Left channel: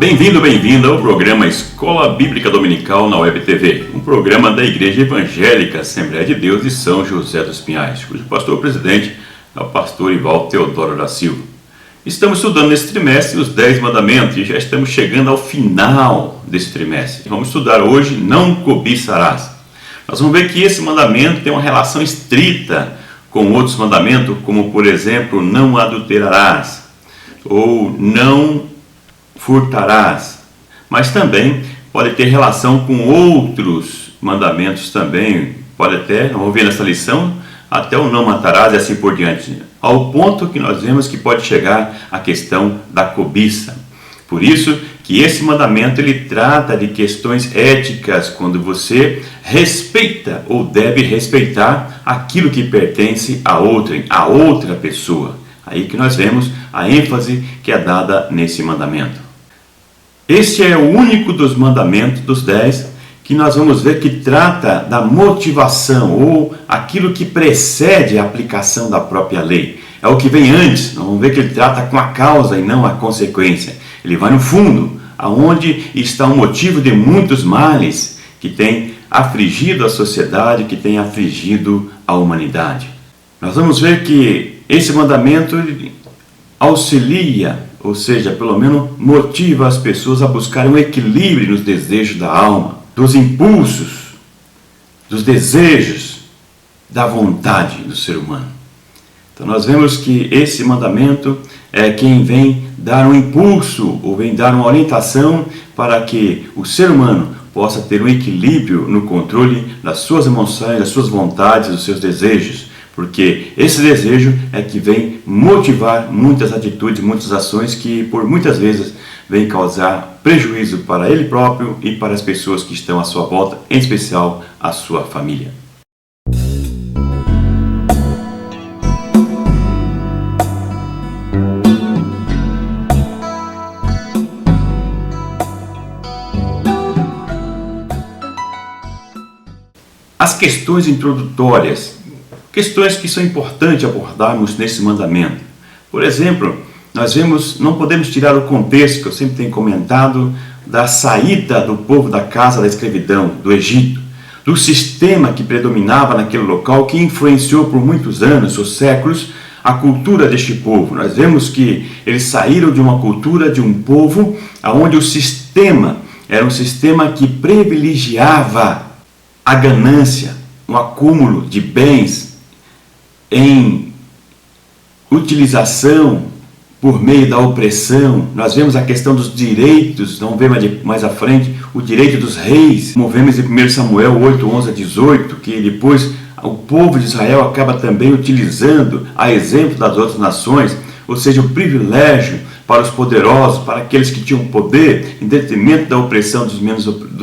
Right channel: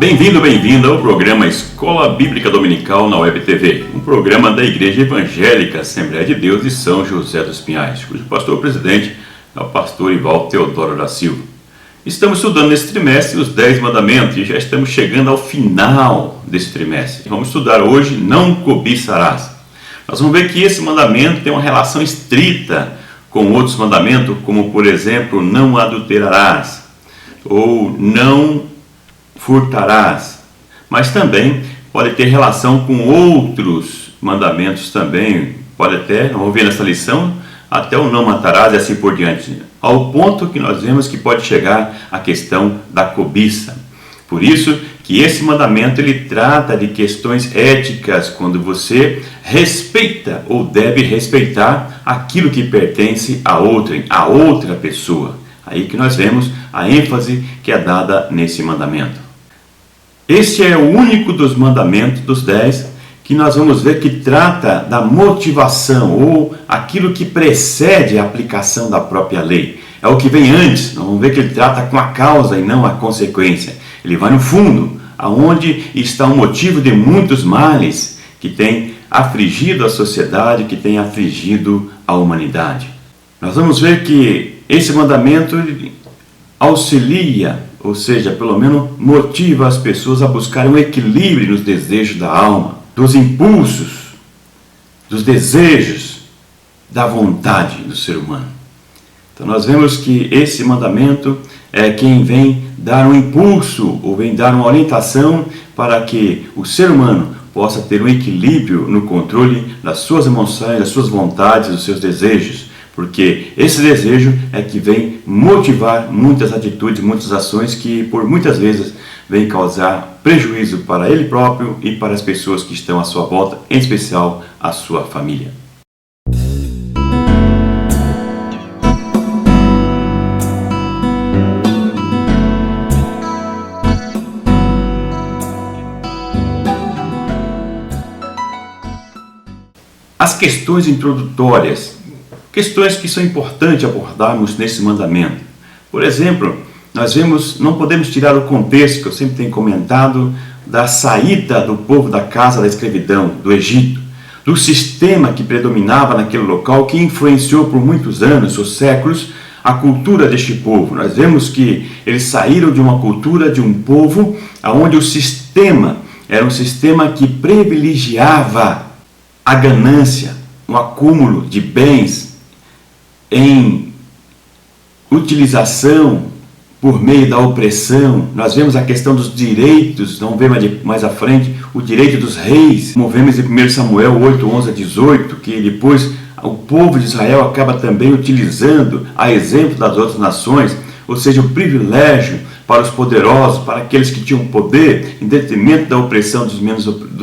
Bem-vindo ao programa Escola Bíblica Dominical na Web TV, um programa da Igreja Evangélica Assembleia de Deus de São José dos Pinhais, cujo pastor-presidente é o pastor Ivaldo Teodoro da Silva. Estamos estudando nesse trimestre os 10 mandamentos e já estamos chegando ao final desse trimestre. Vamos estudar hoje não cobiçarás. Nós vamos ver que esse mandamento tem uma relação estrita com outros mandamentos, como por exemplo, não adulterarás ou não furtarás, mas também pode ter relação com outros mandamentos também, pode até, vamos ver nessa lição, até o não matarás e assim por diante, ao ponto que nós vemos que pode chegar a questão da cobiça. Por isso que esse mandamento ele trata de questões éticas, quando você respeita ou deve respeitar aquilo que pertence a outra pessoa. Aí que nós vemos a ênfase que é dada nesse mandamento. Este é o único dos mandamentos, dos 10, que nós vamos ver que trata da motivação ou aquilo que precede a aplicação da própria lei. É o que vem antes, nós vamos ver que ele trata com a causa e não a consequência. Ele vai no fundo, aonde está o motivo de muitos males que tem afligido a sociedade, que tem afligido a humanidade. Nós vamos ver que esse mandamento auxilia, ou seja, pelo menos motiva as pessoas a buscarem um equilíbrio nos desejos da alma, dos impulsos, dos desejos, da vontade do ser humano. Então nós vemos que esse mandamento é quem vem dar um impulso, ou vem dar uma orientação para que o ser humano possa ter um equilíbrio no controle das suas emoções, das suas vontades, dos seus desejos. Porque esse desejo é que vem motivar muitas atitudes, muitas ações que por muitas vezes vem causar prejuízo para ele próprio e para as pessoas que estão à sua volta, em especial a sua família. As questões introdutórias. Questões que são importantes abordarmos nesse mandamento. Por exemplo, nós vemos, não podemos tirar o contexto, que eu sempre tenho comentado, da saída do povo da casa da escravidão, do Egito, do sistema que predominava naquele local, que influenciou por muitos anos ou séculos a cultura deste povo. Nós vemos que eles saíram de uma cultura, de um povo, onde o sistema era um sistema que privilegiava a ganância, um acúmulo de bens, em utilização por meio da opressão. Nós vemos a questão dos direitos, vamos ver mais à frente, o direito dos reis, como vemos em 1 Samuel 8, 11 a 18, que depois o povo de Israel acaba também utilizando, a exemplo das outras nações, ou seja, o privilégio para os poderosos, para aqueles que tinham poder, em detrimento da opressão dos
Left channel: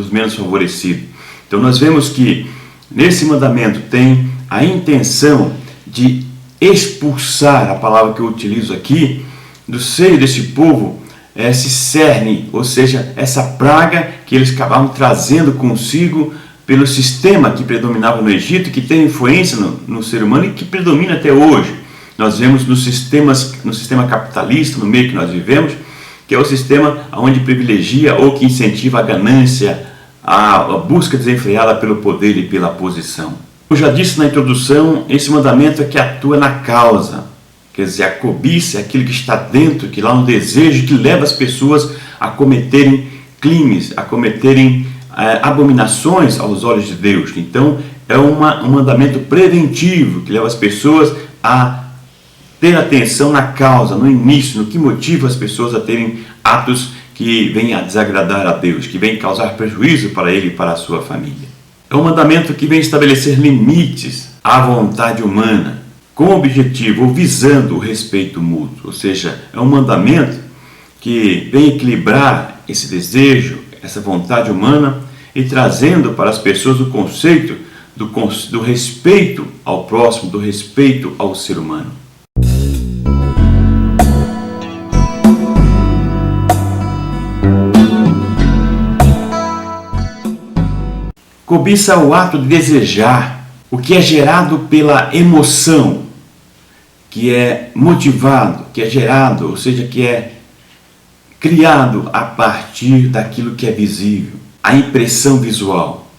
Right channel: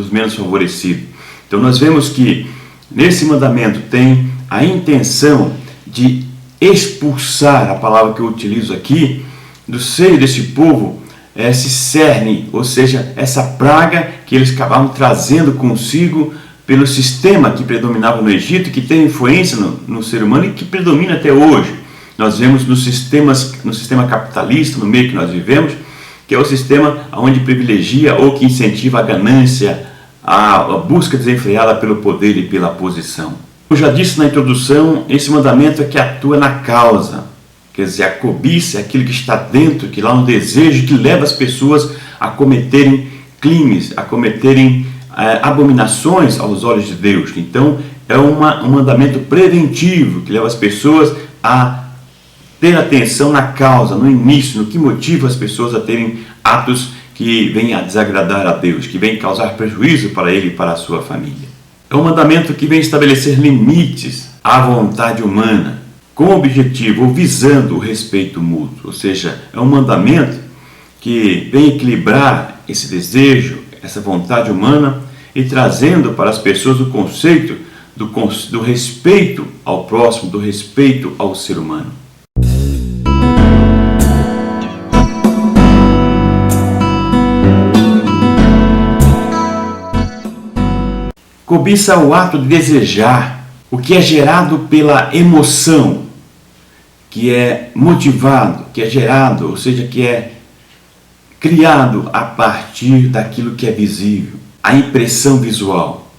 menos favorecidos. Então nós vemos que nesse mandamento tem a intenção de expulsar, a palavra que eu utilizo aqui, do seio desse povo, esse cerne, ou seja, essa praga que eles acabavam trazendo consigo pelo sistema que predominava no Egito, que tem influência no ser humano e que predomina até hoje. Nós vemos no sistema capitalista, no meio que nós vivemos, que é o sistema onde privilegia ou que incentiva a ganância, a busca desenfreada pelo poder e pela posição. Eu já disse na introdução, esse mandamento é que atua na causa, quer dizer, a cobiça é aquilo que está dentro, que lá no desejo, que leva as pessoas a cometerem crimes, a cometerem abominações aos olhos de Deus. Então, é um mandamento preventivo, que leva as pessoas a ter atenção na causa, no início, no que motiva as pessoas a terem atos que vêm a desagradar a Deus, que vêm causar prejuízo para ele e para a sua família. É um mandamento que vem estabelecer limites à vontade humana, com o objetivo ou visando o respeito mútuo. Ou seja, é um mandamento que vem equilibrar esse desejo, essa vontade humana e trazendo para as pessoas o conceito do respeito ao próximo, do respeito ao ser humano. Cobiça é o ato de desejar, o que é gerado pela emoção, que é motivado, que é gerado, ou seja, que é criado a partir daquilo que é visível, a impressão visual.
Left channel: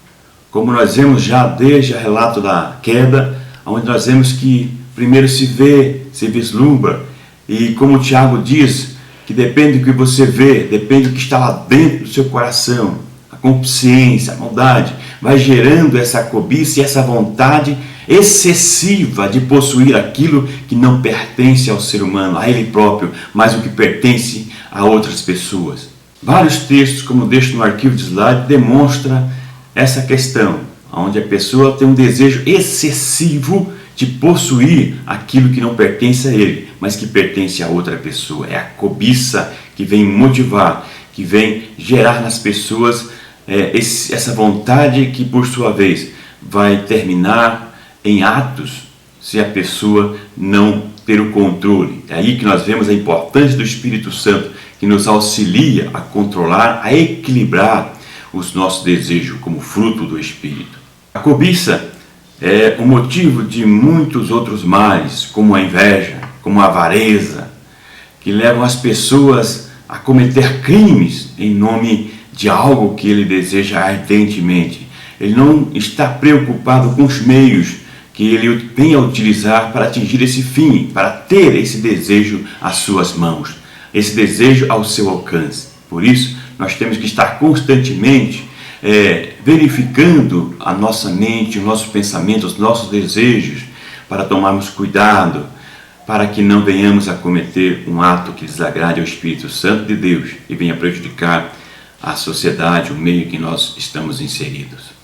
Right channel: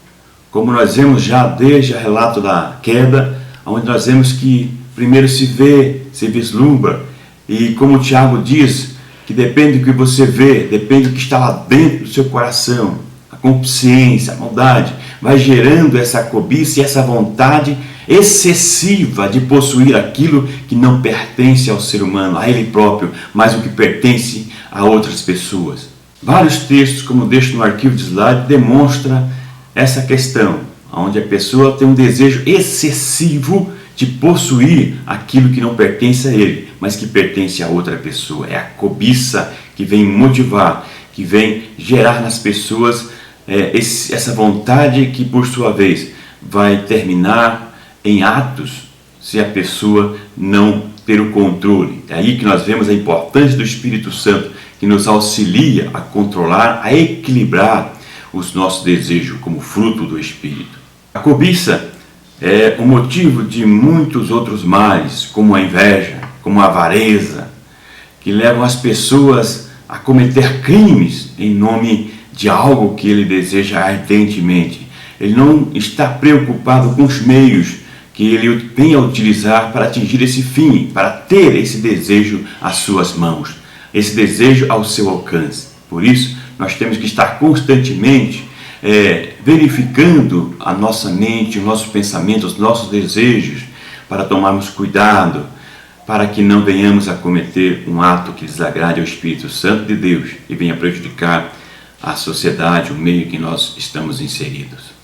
Como nós vemos já desde o relato da queda, onde nós vemos que primeiro se vê, se vislumbra, e como o Tiago diz, que depende do que você vê, depende do que está lá dentro do seu coração, a consciência, a maldade, vai gerando essa cobiça e essa vontade excessiva de possuir aquilo que não pertence ao ser humano, a ele próprio, mas o que pertence a outras pessoas. Vários textos, como deixo no arquivo de slide, demonstram essa questão, onde a pessoa tem um desejo excessivo de possuir aquilo que não pertence a ele, mas que pertence a outra pessoa. É a cobiça que vem motivar, que vem gerar nas pessoas essa vontade que, por sua vez, vai terminar em atos se a pessoa não ter o controle. É aí que nós vemos a importância do Espírito Santo, que nos auxilia a controlar, a equilibrar os nossos desejos como fruto do Espírito. A cobiça é o motivo de muitos outros males, como a inveja, como a avareza, que levam as pessoas a cometer crimes em nome de algo que ele deseja ardentemente. Ele não está preocupado com os meios que ele vem a utilizar para atingir esse fim, para ter esse desejo às suas mãos, esse desejo ao seu alcance. Por isso, nós temos que estar constantemente verificando a nossa mente, o nosso pensamento, os nossos desejos, para tomarmos cuidado, para que não venhamos a cometer um ato que desagrade ao Espírito Santo de Deus e venha prejudicar a sociedade, o meio em que nós estamos inseridos.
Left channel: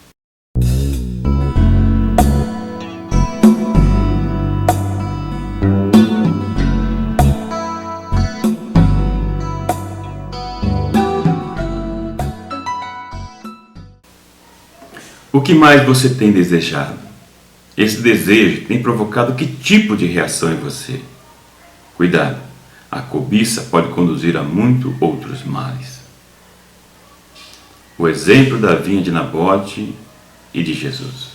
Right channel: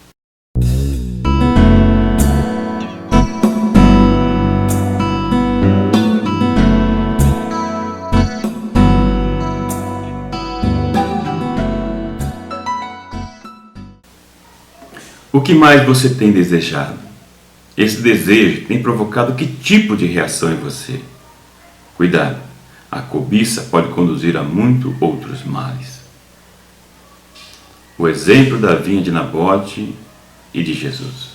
O que mais você tem desejado? Esse desejo tem provocado que tipo de reação em você? Cuidado, a cobiça pode conduzir a muitos outros males. O exemplo da vinha de Nabote e de Jesus.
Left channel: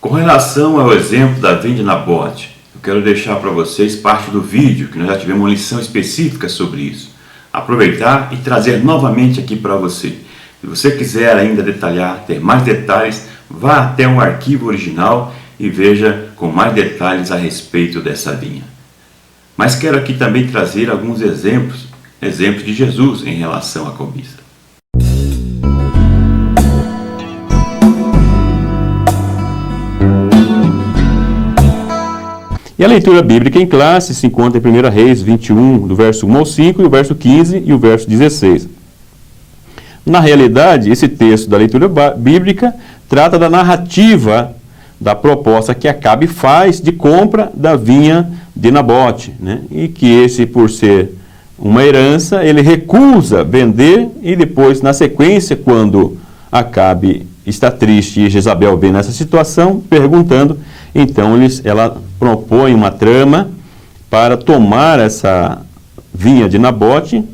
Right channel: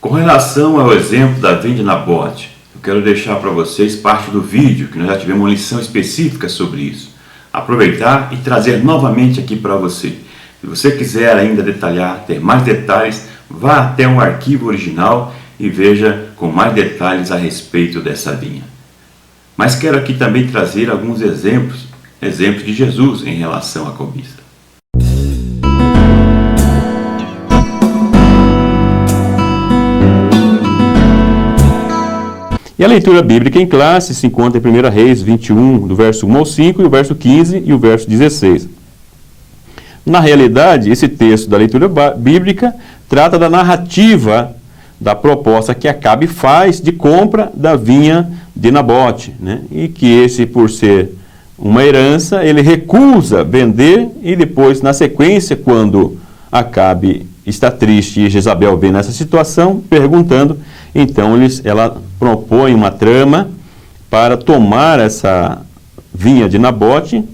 Com relação ao exemplo da vinha de Nabote, eu quero deixar para vocês parte do vídeo, que nós já tivemos uma lição específica sobre isso. Aproveitar e trazer novamente aqui para você. Se você quiser ainda detalhar, ter mais detalhes, vá até um arquivo original e veja com mais detalhes a respeito dessa vinha. Mas quero aqui também trazer alguns exemplos de Jesus em relação à cobiça. E a leitura bíblica em classe se encontra em 1 Reis 21, do verso 1 ao 5, e o verso 15 e o verso 16. Na realidade, esse texto da leitura bíblica trata da narrativa da proposta que Acabe faz de compra da vinha de Nabote, né? E que esse, por ser uma herança, ele recusa vender e depois, na sequência, quando Acabe está triste e Jezabel vê nessa situação, perguntando, então ela propõe uma trama para tomar essa vinha de Nabote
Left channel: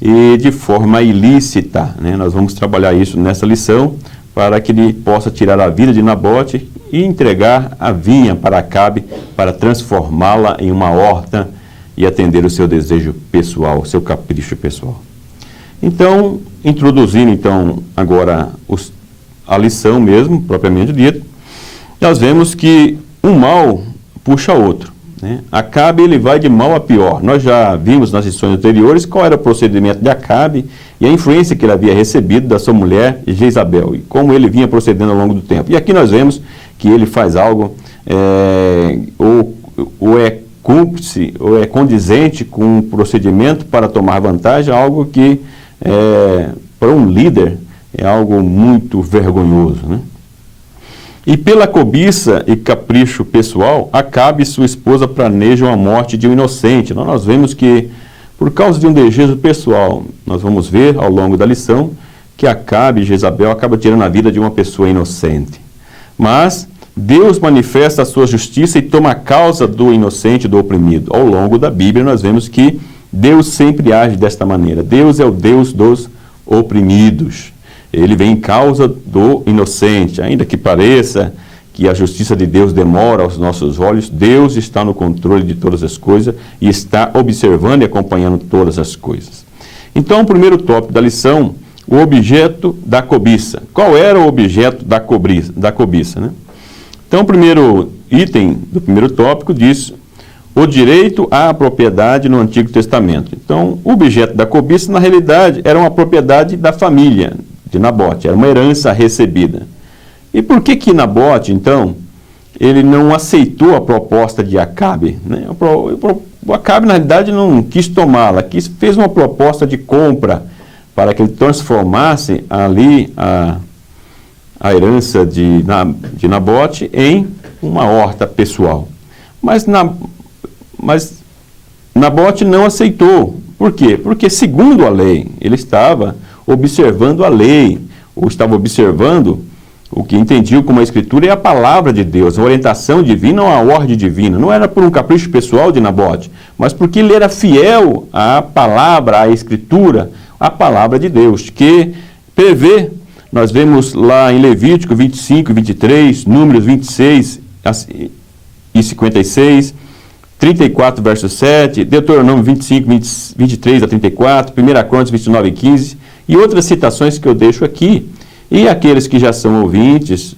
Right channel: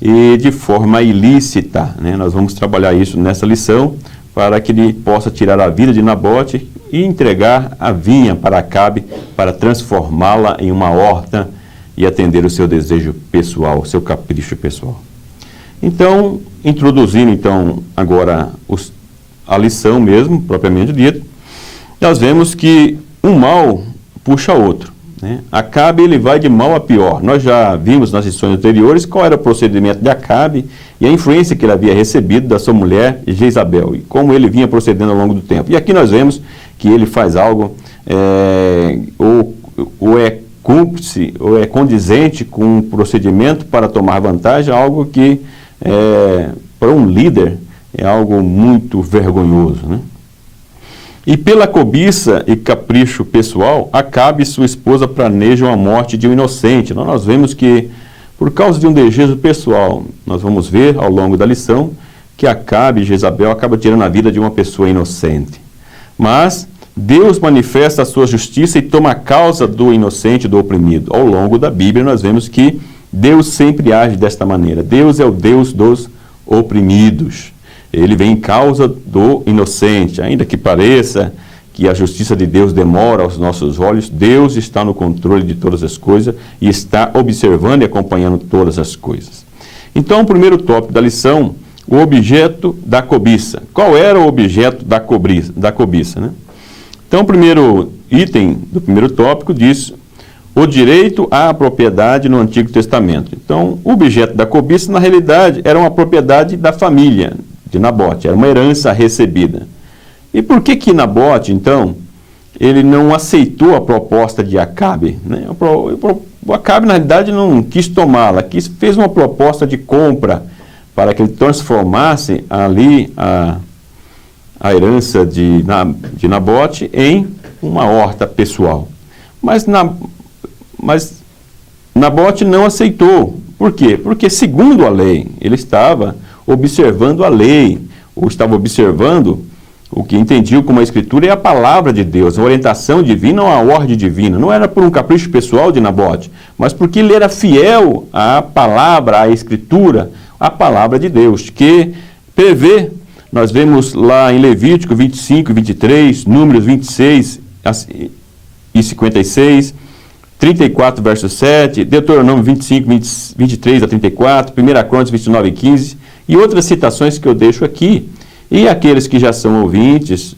e de forma ilícita, né? Nós vamos trabalhar isso nessa lição para que ele possa tirar a vida de Nabote e entregar a vinha para Acabe para transformá-la em uma horta e atender o seu desejo pessoal, o seu capricho pessoal. Então, introduzindo agora a lição mesmo, propriamente dita, nós vemos que um mal puxa outro, né? Acabe, ele vai de mal a pior. Nós já vimos nas lições anteriores qual era o procedimento de Acabe e a influência que ele havia recebido da sua mulher Jezabel e como ele vinha procedendo ao longo do tempo. E aqui nós vemos que ele faz algo ou é cúmplice ou é condizente com um procedimento para tomar vantagem, algo que para um líder é algo muito vergonhoso, né? E pela cobiça e capricho pessoal, Acabe e sua esposa planejam a morte de um inocente. Então, nós vemos que, por causa de um desejo pessoal, nós vamos ver ao longo da lição que Acabe e Jezabel acabam tirando a vida de uma pessoa inocente. Mas Deus manifesta a sua justiça e toma a causa do inocente e do oprimido. Ao longo da Bíblia nós vemos que Deus sempre age desta maneira. Deus é o Deus dos oprimidos. Ele vem em causa do inocente. Ainda que pareça que a justiça de Deus demora aos nossos olhos, Deus está no controle de todas as coisas e está observando e acompanhando todas as coisas. Então, o primeiro tópico da lição, o objeto da cobiça. Qual era o objeto da cobiça, né? Então, o primeiro item do primeiro tópico diz o direito à propriedade no Antigo Testamento. Então, o objeto da cobiça, na realidade, era uma propriedade da família de Nabote, era uma herança recebida. E por que Nabote, então, ele não aceitou a proposta de Acabe, né? O Acabe, na realidade, não quis tomá-la, fez uma proposta de compra para que ele transformasse ali a herança de Nabote em uma horta pessoal. Mas Nabote não aceitou. Por quê? Porque, segundo a lei, ele estava observando a lei, ou estava observando o que entendiam como a Escritura é a palavra de Deus, a orientação divina ou a ordem divina. Não era por um capricho pessoal de Nabote, mas porque ele era fiel à palavra, à Escritura, à palavra de Deus, que prevê, nós vemos lá em Levítico 25 e 23, Números 26 e 56, 34, verso 7, Deuteronômio 25, 23 a 34, 1 Crônicas 29 e 15, e outras citações que eu deixo aqui. E aqueles que já são ouvintes,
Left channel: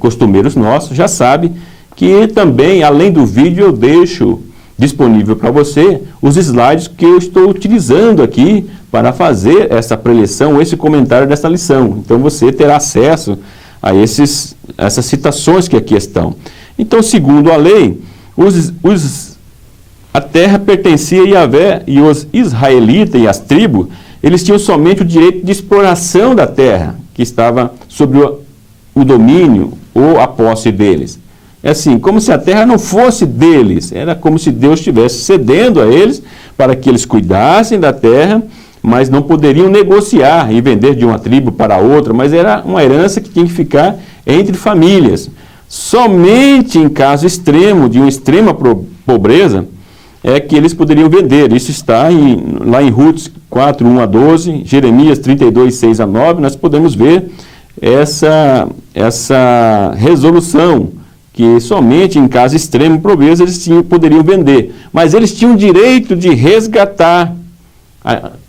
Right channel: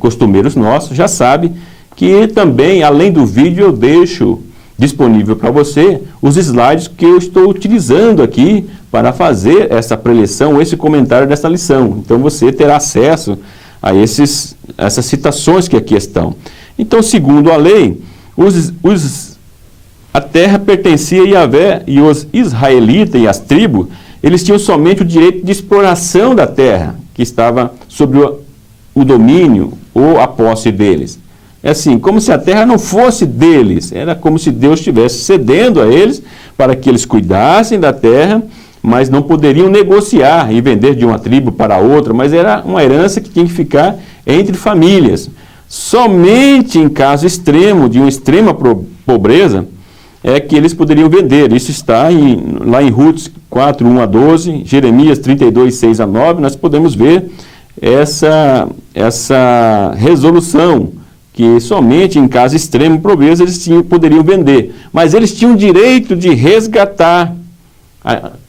costumeiros nossos, já sabem que também, além do vídeo, eu deixo disponível para você os slides que eu estou utilizando aqui para fazer essa preleção, esse comentário dessa lição. Então você terá acesso a essas citações que aqui estão. Então, segundo a lei, a terra pertencia a Yahvé e os israelitas e as tribos, eles tinham somente o direito de exploração da terra, que estava sob o domínio ou a posse deles. É assim, como se a terra não fosse deles, era como se Deus estivesse cedendo a eles para que eles cuidassem da terra, mas não poderiam negociar e vender de uma tribo para outra, mas era uma herança que tinha que ficar entre famílias. Somente em caso extremo, de uma extrema pobreza, é que eles poderiam vender. Isso está lá em Ruth 4, 1 a 12, Jeremias 32, 6 a 9, nós podemos ver essa resolução, que somente em caso extremo pobreza eles poderiam vender. Mas eles tinham o direito de resgatar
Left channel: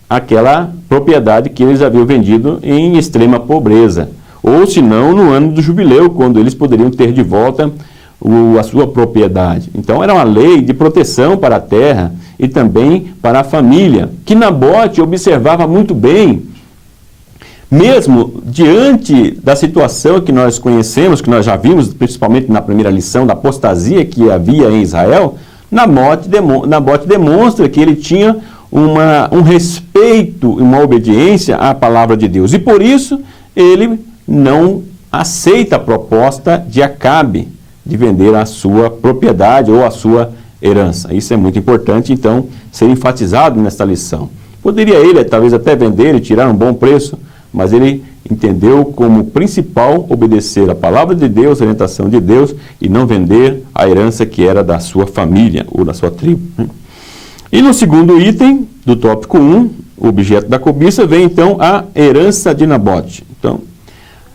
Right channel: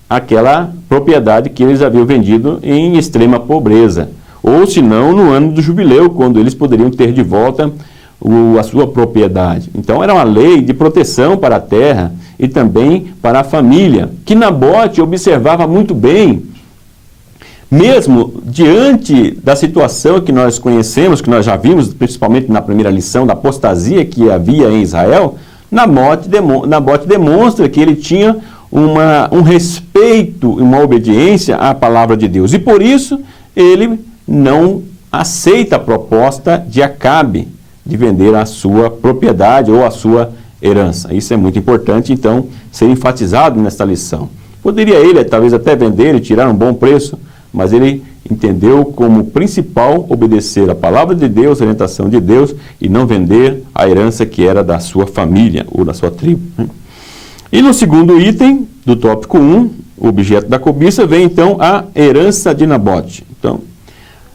aquela propriedade que eles haviam vendido em extrema pobreza. Ou, se não, no ano do jubileu, quando eles poderiam ter de volta a sua propriedade. Então, era uma lei de proteção para a terra e também para a família, que Nabote observava muito bem, mesmo diante da situação que nós conhecemos, que nós já vimos, principalmente na primeira lição, da apostasia que havia em Israel. Nabote demonstra que ele tinha um respeito e uma obediência à palavra de Deus. E por isso, ele não aceita a proposta de Acabe de vender a sua propriedade ou a sua herança. Isso é muito importante, então, ser enfatizado nesta lição. Poderia ele, talvez, até vender e tirar um bom preço, mas ele entendeu como principal obedecer a palavra de Deus, a orientação de Deus, e não vender a herança que era da sua família ou da sua tribo. E no segundo item do tópico 1, o objeto da cobiça, vem então a herança de Nabote. Então,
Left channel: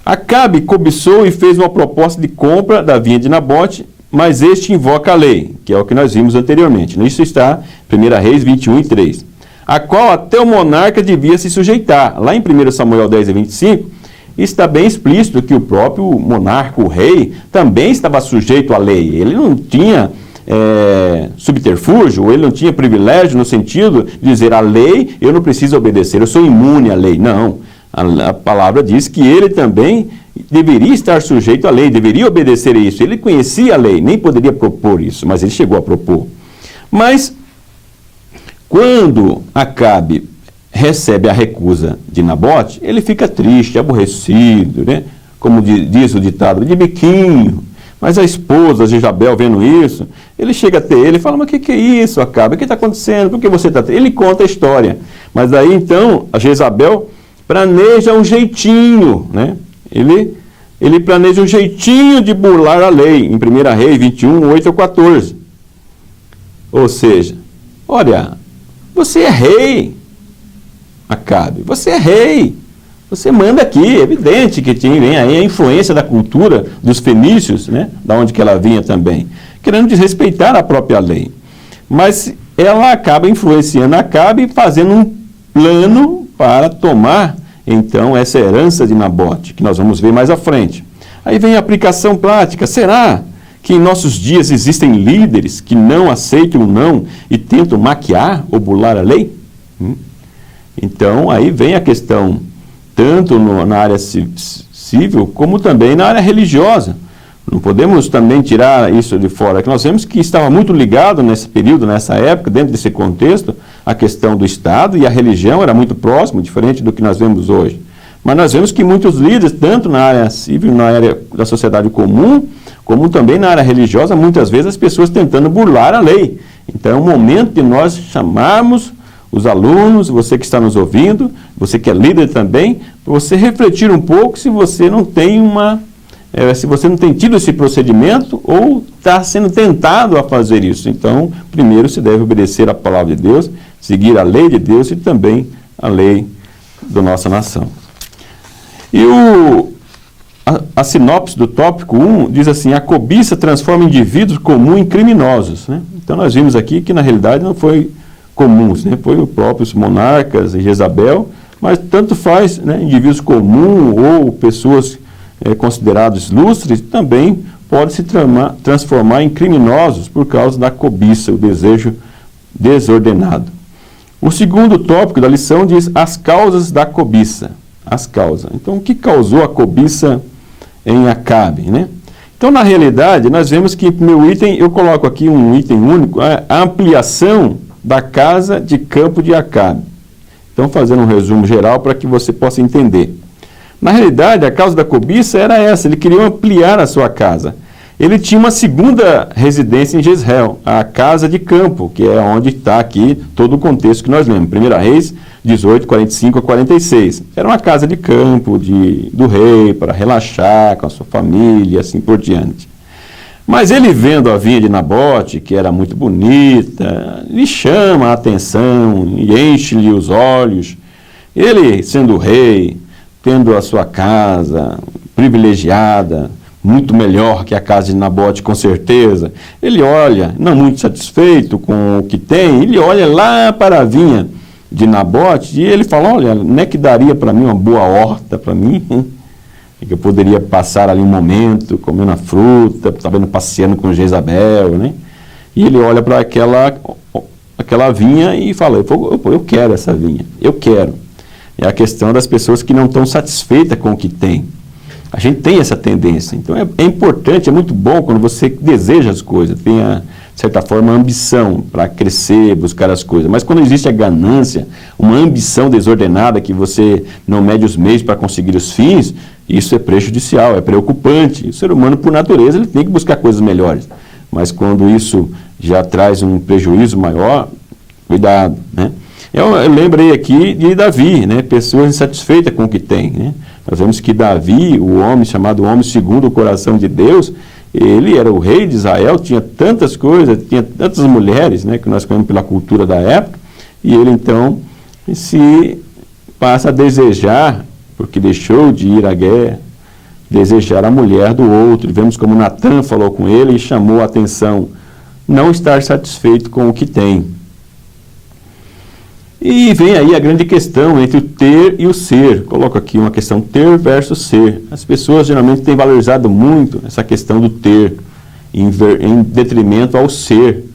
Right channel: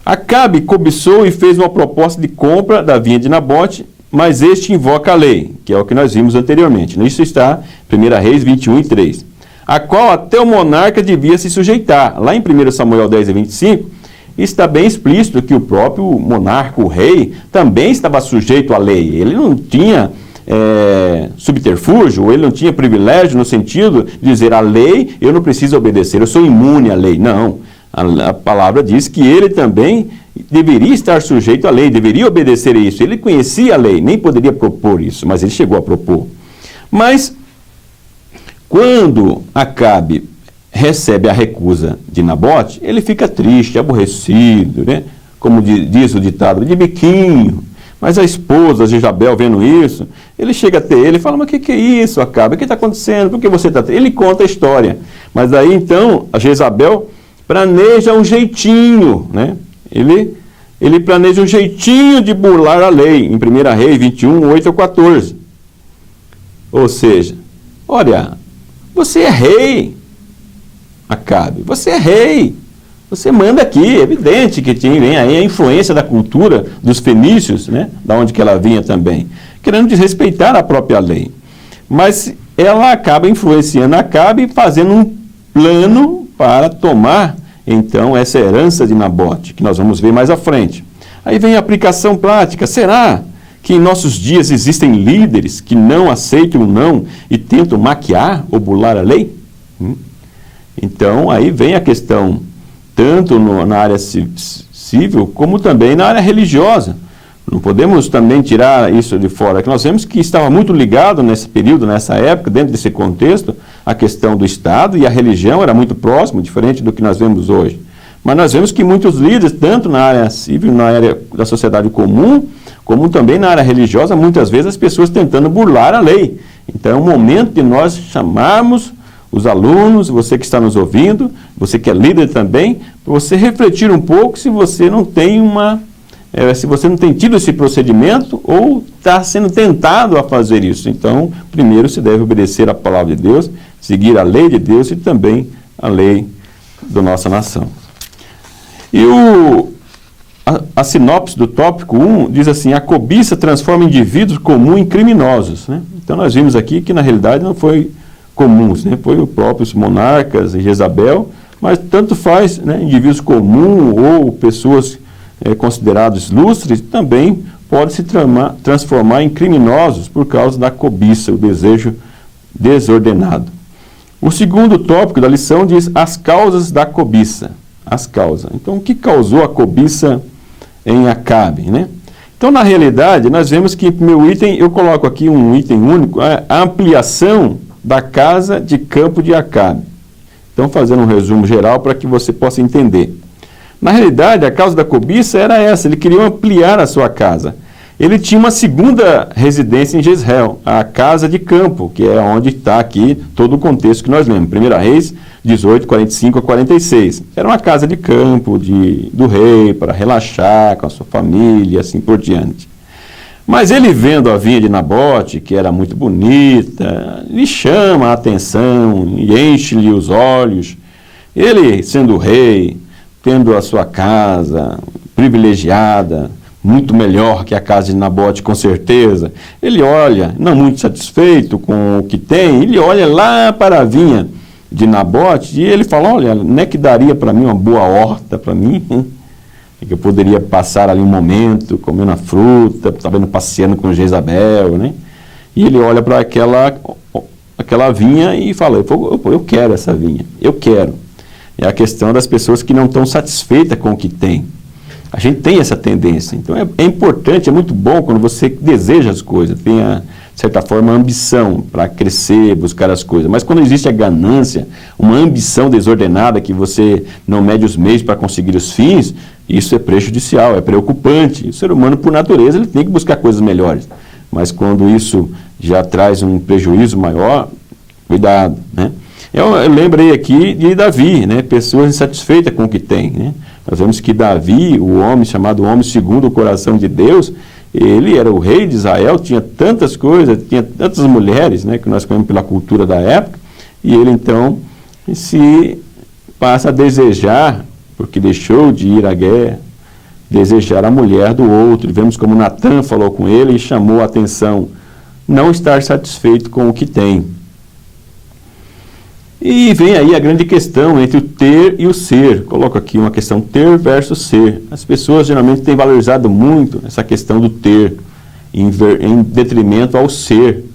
Acabe cobiçou e fez uma proposta de compra da vinha de Nabote, mas este invoca a lei, que é o que nós vimos anteriormente. Isso está em 1 Reis 21 e 3, a qual até o monarca devia se sujeitar. Lá em 1 Samuel 10 e 25, está bem explícito que o próprio monarca, o rei, também estava sujeito à lei. Ele não tinha subterfúgio, ele não tinha privilégio no sentido de dizer a lei, eu não preciso obedecer, eu sou imune à lei. Não. A palavra diz que ele também deveria estar sujeito à lei, deveria obedecer a isso. Ele conhecia a lei, nem poderia propor isso, mas ele chegou a propor. Mas, quando Acabe recebe a recusa de Nabote, ele fica triste, aborrecido, né? Como diz o ditado, de biquinho. Mas a esposa, Jezabel, vendo isso, ele chega até ele e fala, mas o que é isso, Acabe? O que está acontecendo? Por que você está... Ele conta a história. Mas daí, então, a Jezabel planeja um jeitinho, né? Ele planeja um jeitinho de burlar a lei, em 1 Reis 21, 8 a 14. Ou seja, olha, Você é rei, Acabe, você é rei. Você manda aqui, é evidente que vem aí a influência da cultura dos fenícios, né, da onde que ela vinha também, querendo desrespeitar a própria lei. Mas ela acaba influenciando Acabe, fazendo um plano para tomar, então, essa herança de Nabote, que nós vamos ver mais à frente. Aí vem a aplicação prática. Será que em nossos dias existem líderes que não aceitam o não e tentam maquiar ou burlar a lei? Então, aí vem a questão, tanto na área civil, como também na área religiosa. Não podemos também tirar isso de fora, que nós vemos que estava muito ligado nesse período, nessa época, dentro desse contexto, a questão do Estado e a religião era muito próximo, diferente do que nós vemos hoje. Mas nós vemos que muitos líderes, tanto na área civil, na área da sociedade comum, como também na área religiosa, muitas vezes as pessoas tentando burlar a lei. Então é um momento de nós chamarmos os alunos, você que está nos ouvindo, você que é líder também, para você refletir um pouco se você não tem se você não tem tido esse procedimento ou está sendo tentado a fazer isso. Então, primeiro se deve obedecer à palavra de Deus, seguir a lei de Deus e também a lei da nossa nação. E a sinopse do tópico 1 diz assim: a cobiça transforma indivíduos comuns em criminosos. Né? Então nós vimos aqui que na realidade não foi comuns, né? Foi os próprios monarcas e Jezabel, mas tanto faz, né? Indivíduos comuns ou pessoas considerados ilustres também podem se transformar em criminosos por causa da cobiça, o desejo desordenado. O segundo tópico da lição diz as causas da cobiça. As causas. Então, o que causou a cobiça em Acabe, né? Então, na realidade, nós vemos que, meu item, eu coloco aqui um item único, a ampliação da casa de campo de Acabe. Então, fazendo um resumo geral para que você possa entender. Na realidade, a causa da cobiça era essa, ele queria ampliar a sua casa. Ele tinha uma segunda residência em Jezreel, a casa de campo, que é onde está aqui todo o contexto que nós lemos. 1 Reis 18, 45 a 46. Era uma casa de campo do rei, para relaxar com a sua família e assim por diante. Mas ele vendo a vinha de Nabote, que era muito bonita, lhe chama a atenção e enche-lhe os olhos. Ele, sendo rei, tendo a sua casa privilegiada, muito melhor que a casa de Nabote, com certeza, ele olha, não muito satisfeito com o que tem, ele olha lá para a vinha de Nabote e ele fala, olha, não é que daria para mim uma boa horta para mim, que eu poderia passar ali um momento comendo a fruta, talvez passeando com Jezabel, né? E ele olha para aquela vinha e fala, eu quero essa vinha, eu quero. É a questão das pessoas que não estão satisfeitas com o que tem. A gente tem essa tendência. Então é importante, é muito bom quando você deseja as coisas, tenha, de certa forma, ambição para crescer, buscar as coisas. Mas quando existe a ganância, uma ambição desordenada, que você não mede os meios para conseguir os fins, isso é prejudicial, é preocupante. O ser humano, por natureza, ele tem que buscar coisas melhores. Mas quando isso já traz um prejuízo maior, cuidado, né? Eu lembrei aqui de Davi, né? Pessoas insatisfeitas com o que tem, né? Nós vemos que Davi, o homem chamado homem segundo o coração de Deus, ele era o rei de Israel, tinha tantas coisas, tinha tantas mulheres, né, que nós conhecemos pela cultura da época, e ele então se passa a desejar, porque deixou de ir à guerra, desejar a mulher do outro. E vemos como Natã falou com ele e chamou a atenção, não estar satisfeito com o que tem. E vem aí a grande questão entre o ter e o ser. Coloco aqui uma questão ter versus ser. As pessoas geralmente têm valorizado muito essa questão do ter, em detrimento ao ser.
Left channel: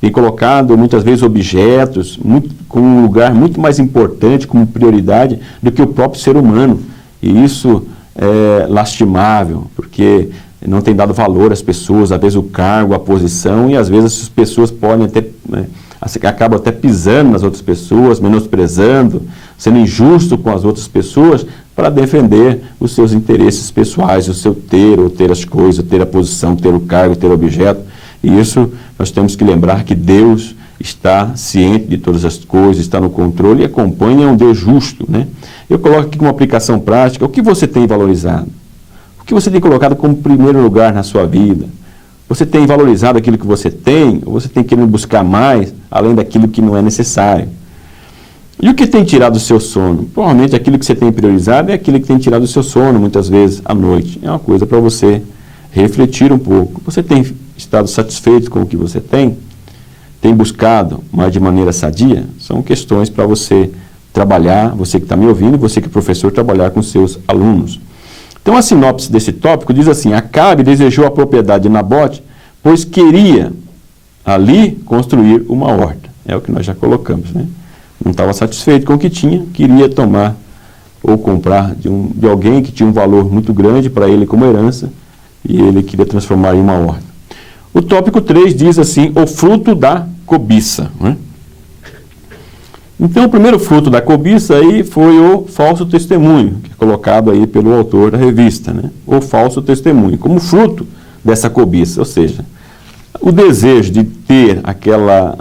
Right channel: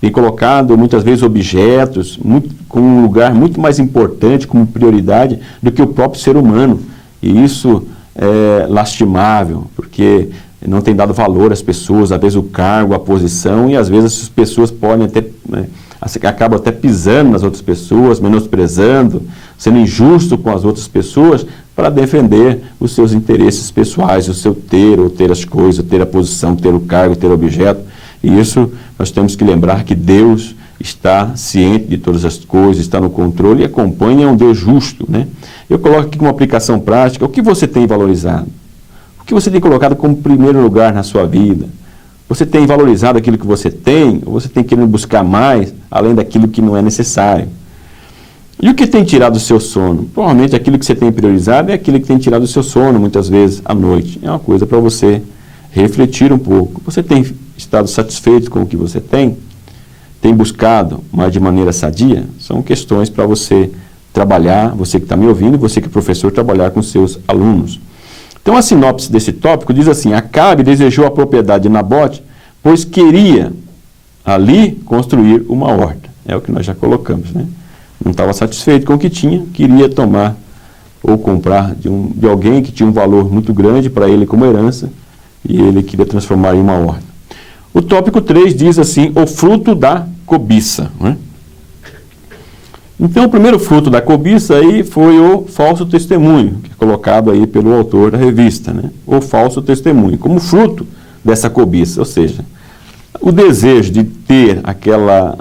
Tem colocado muitas vezes objetos com um lugar muito mais importante, como prioridade, do que o próprio ser humano. E isso é lastimável, porque não tem dado valor às pessoas, às vezes o cargo, a posição, e às vezes as pessoas podem até... acaba até pisando nas outras pessoas, menosprezando, sendo injusto com as outras pessoas para defender os seus interesses pessoais, o seu ter, ou ter as coisas, ter a posição, ter o cargo, ter o objeto. E isso nós temos que lembrar que Deus está ciente de todas as coisas, está no controle e acompanha um Deus justo, né? Eu coloco aqui uma aplicação prática. O que você tem valorizado? O que você tem colocado como primeiro lugar na sua vida? Você tem valorizado aquilo que você tem, ou você tem querido buscar mais, além daquilo que não é necessário? E o que tem tirado o seu sono? Provavelmente aquilo que você tem priorizado é aquilo que tem tirado o seu sono, muitas vezes, à noite. É uma coisa para você refletir um pouco. Você tem estado satisfeito com o que você tem? Tem buscado, mas de maneira sadia? São questões para você trabalhar, você que está me ouvindo, você que é professor, trabalhar com seus alunos. Então, a sinopse desse tópico diz assim: Acabe desejou a propriedade de Nabote, pois queria ali construir uma horta. É o que nós já colocamos, né? Não estava satisfeito com o que tinha, queria tomar ou comprar de alguém que tinha um valor muito grande para ele como herança, e ele queria transformar em uma horta. O tópico 3 diz assim: o fruto da cobiça, né? Então, o primeiro fruto da cobiça aí foi o falso testemunho, que é colocado aí pelo autor da revista, né? O falso testemunho, como fruto dessa cobiça, ou seja, o desejo de ter aquela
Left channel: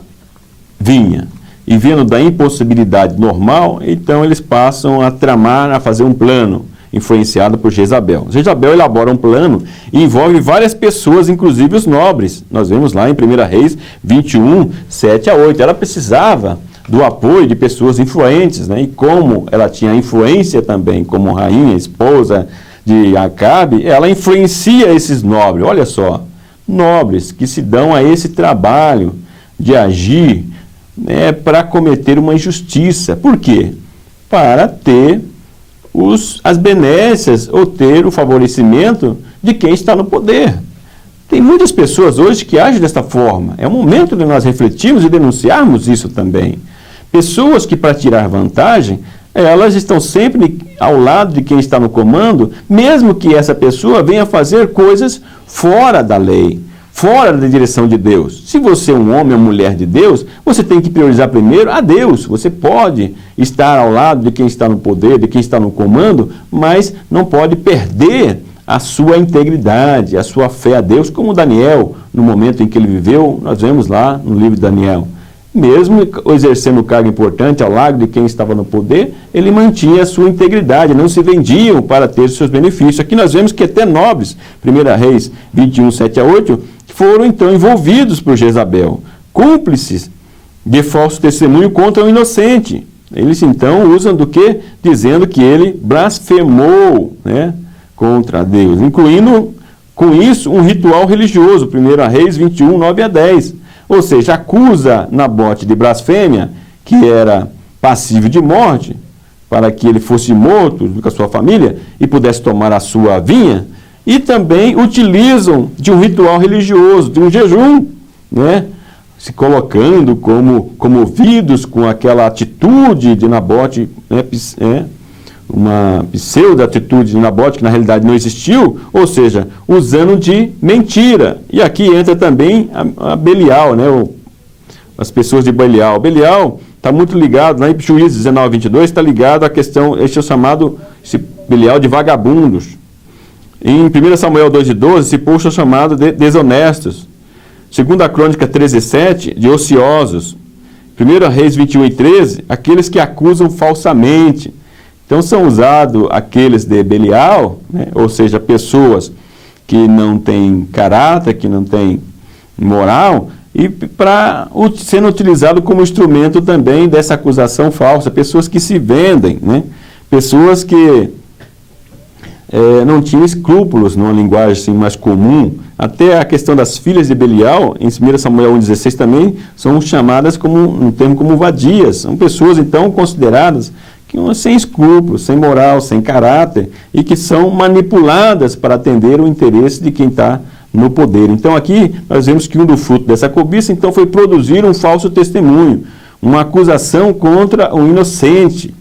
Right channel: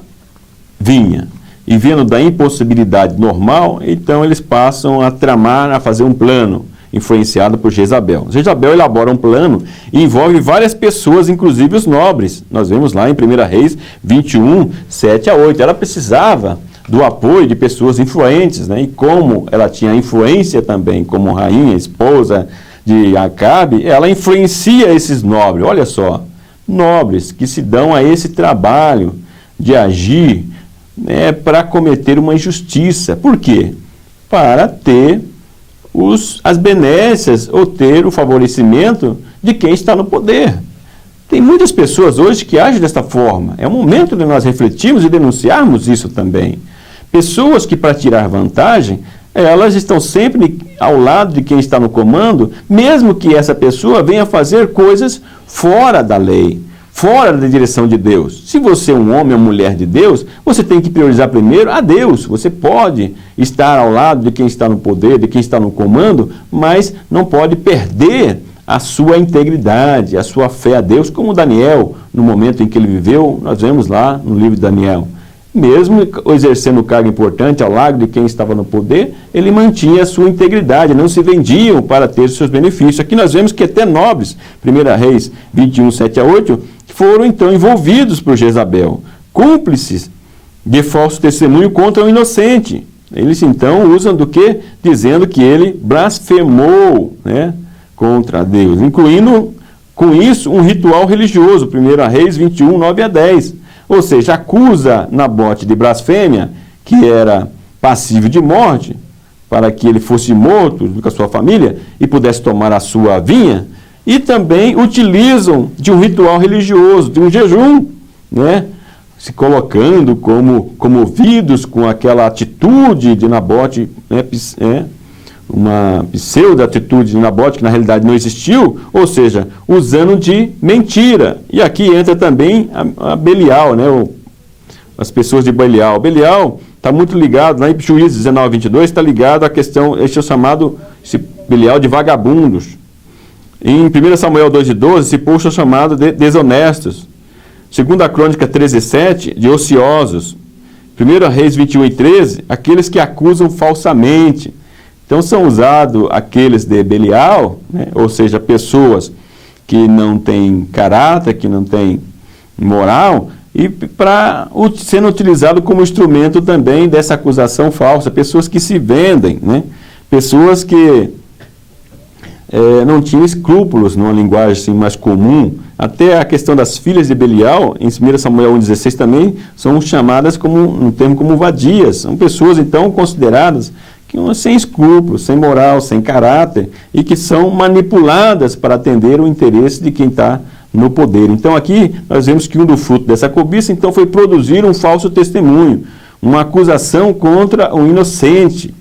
vinha e vendo da impossibilidade normal, então eles passam a tramar, a fazer um plano influenciado por Jezabel. Jezabel elabora um plano e envolve várias pessoas, inclusive os nobres. Nós vemos lá em 1 Reis 21, 7 a 8. Ela precisava do apoio de pessoas influentes, né? E como ela tinha influência também como rainha, esposa de Acabe, ela influencia esses nobres. Olha só, nobres que se dão a esse trabalho de agir, né, para cometer uma injustiça. Por quê? Para ter as benécias ou ter o favorecimento de quem está no poder. Tem muitas pessoas hoje que agem desta forma. É o momento de nós refletirmos e denunciarmos isso também. Pessoas que, para tirar vantagem, elas estão sempre ao lado de quem está no comando, mesmo que essa pessoa venha fazer coisas fora da lei, fora da direção de Deus. Se você é um homem ou mulher de Deus, você tem que priorizar primeiro a Deus. Você pode estar ao lado de quem está no poder, de quem está no comando, mas não pode perder a sua integridade, a sua fé a Deus, como Daniel, no momento em que ele viveu, nós vemos lá no livro de Daniel. Mesmo exercendo um cargo importante ao lado de quem estava no poder, ele mantinha a sua integridade, não se vendiam para ter seus benefícios. Aqui nós vemos que até nobres, 1 Reis 21, 7 a 8, foram então envolvidos por Jezabel, cúmplices de falso testemunho contra o inocente. Eles então usam do que? Dizendo que ele blasfemou, né, contra Deus, incluindo com isso um ritual religioso, 1 Reis 21, 9 a 10. Ou seja, acusa Nabote de blasfêmia, que era passível de morte, para que ele fosse morto com a sua família e pudesse tomar a sua vinha, e também utilizam de um ritual religioso, de um jejum, né? Se colocando como comovidos com aquela atitude de Nabote, né? Uma pseudo-atitude de Nabote que na realidade não existiu, ou seja, usando de mentira. E aqui entra também a Belial, né? As pessoas de Belial. Belial está muito ligado, lá em Juízes 19, 22, está ligado à questão, esse Belial de vagabundos. Em 1 Samuel 2 e 12, esse povo é chamado de desonestos. 2 Crônica 13 e 7, de ociosos. 1 Reis 21 e 13, aqueles que acusam falsamente. Então são usados aqueles de Belial, né? Ou seja, pessoas que não têm caráter, que não têm moral, e sendo utilizado como instrumento também dessa acusação falsa, pessoas que se vendem, né? Pessoas que não tinham escrúpulos, numa linguagem assim, mais comum. Até a questão das filhas de Belial, em 1 Samuel 1,16 também, são chamadas um termo como vadias. São pessoas, então, consideradas sem escrúpulos, sem moral, sem caráter, e que são manipuladas para atender o interesse de quem está no poder. Então aqui nós vemos que um do fruto dessa cobiça então foi produzir um falso testemunho, uma acusação contra o inocente.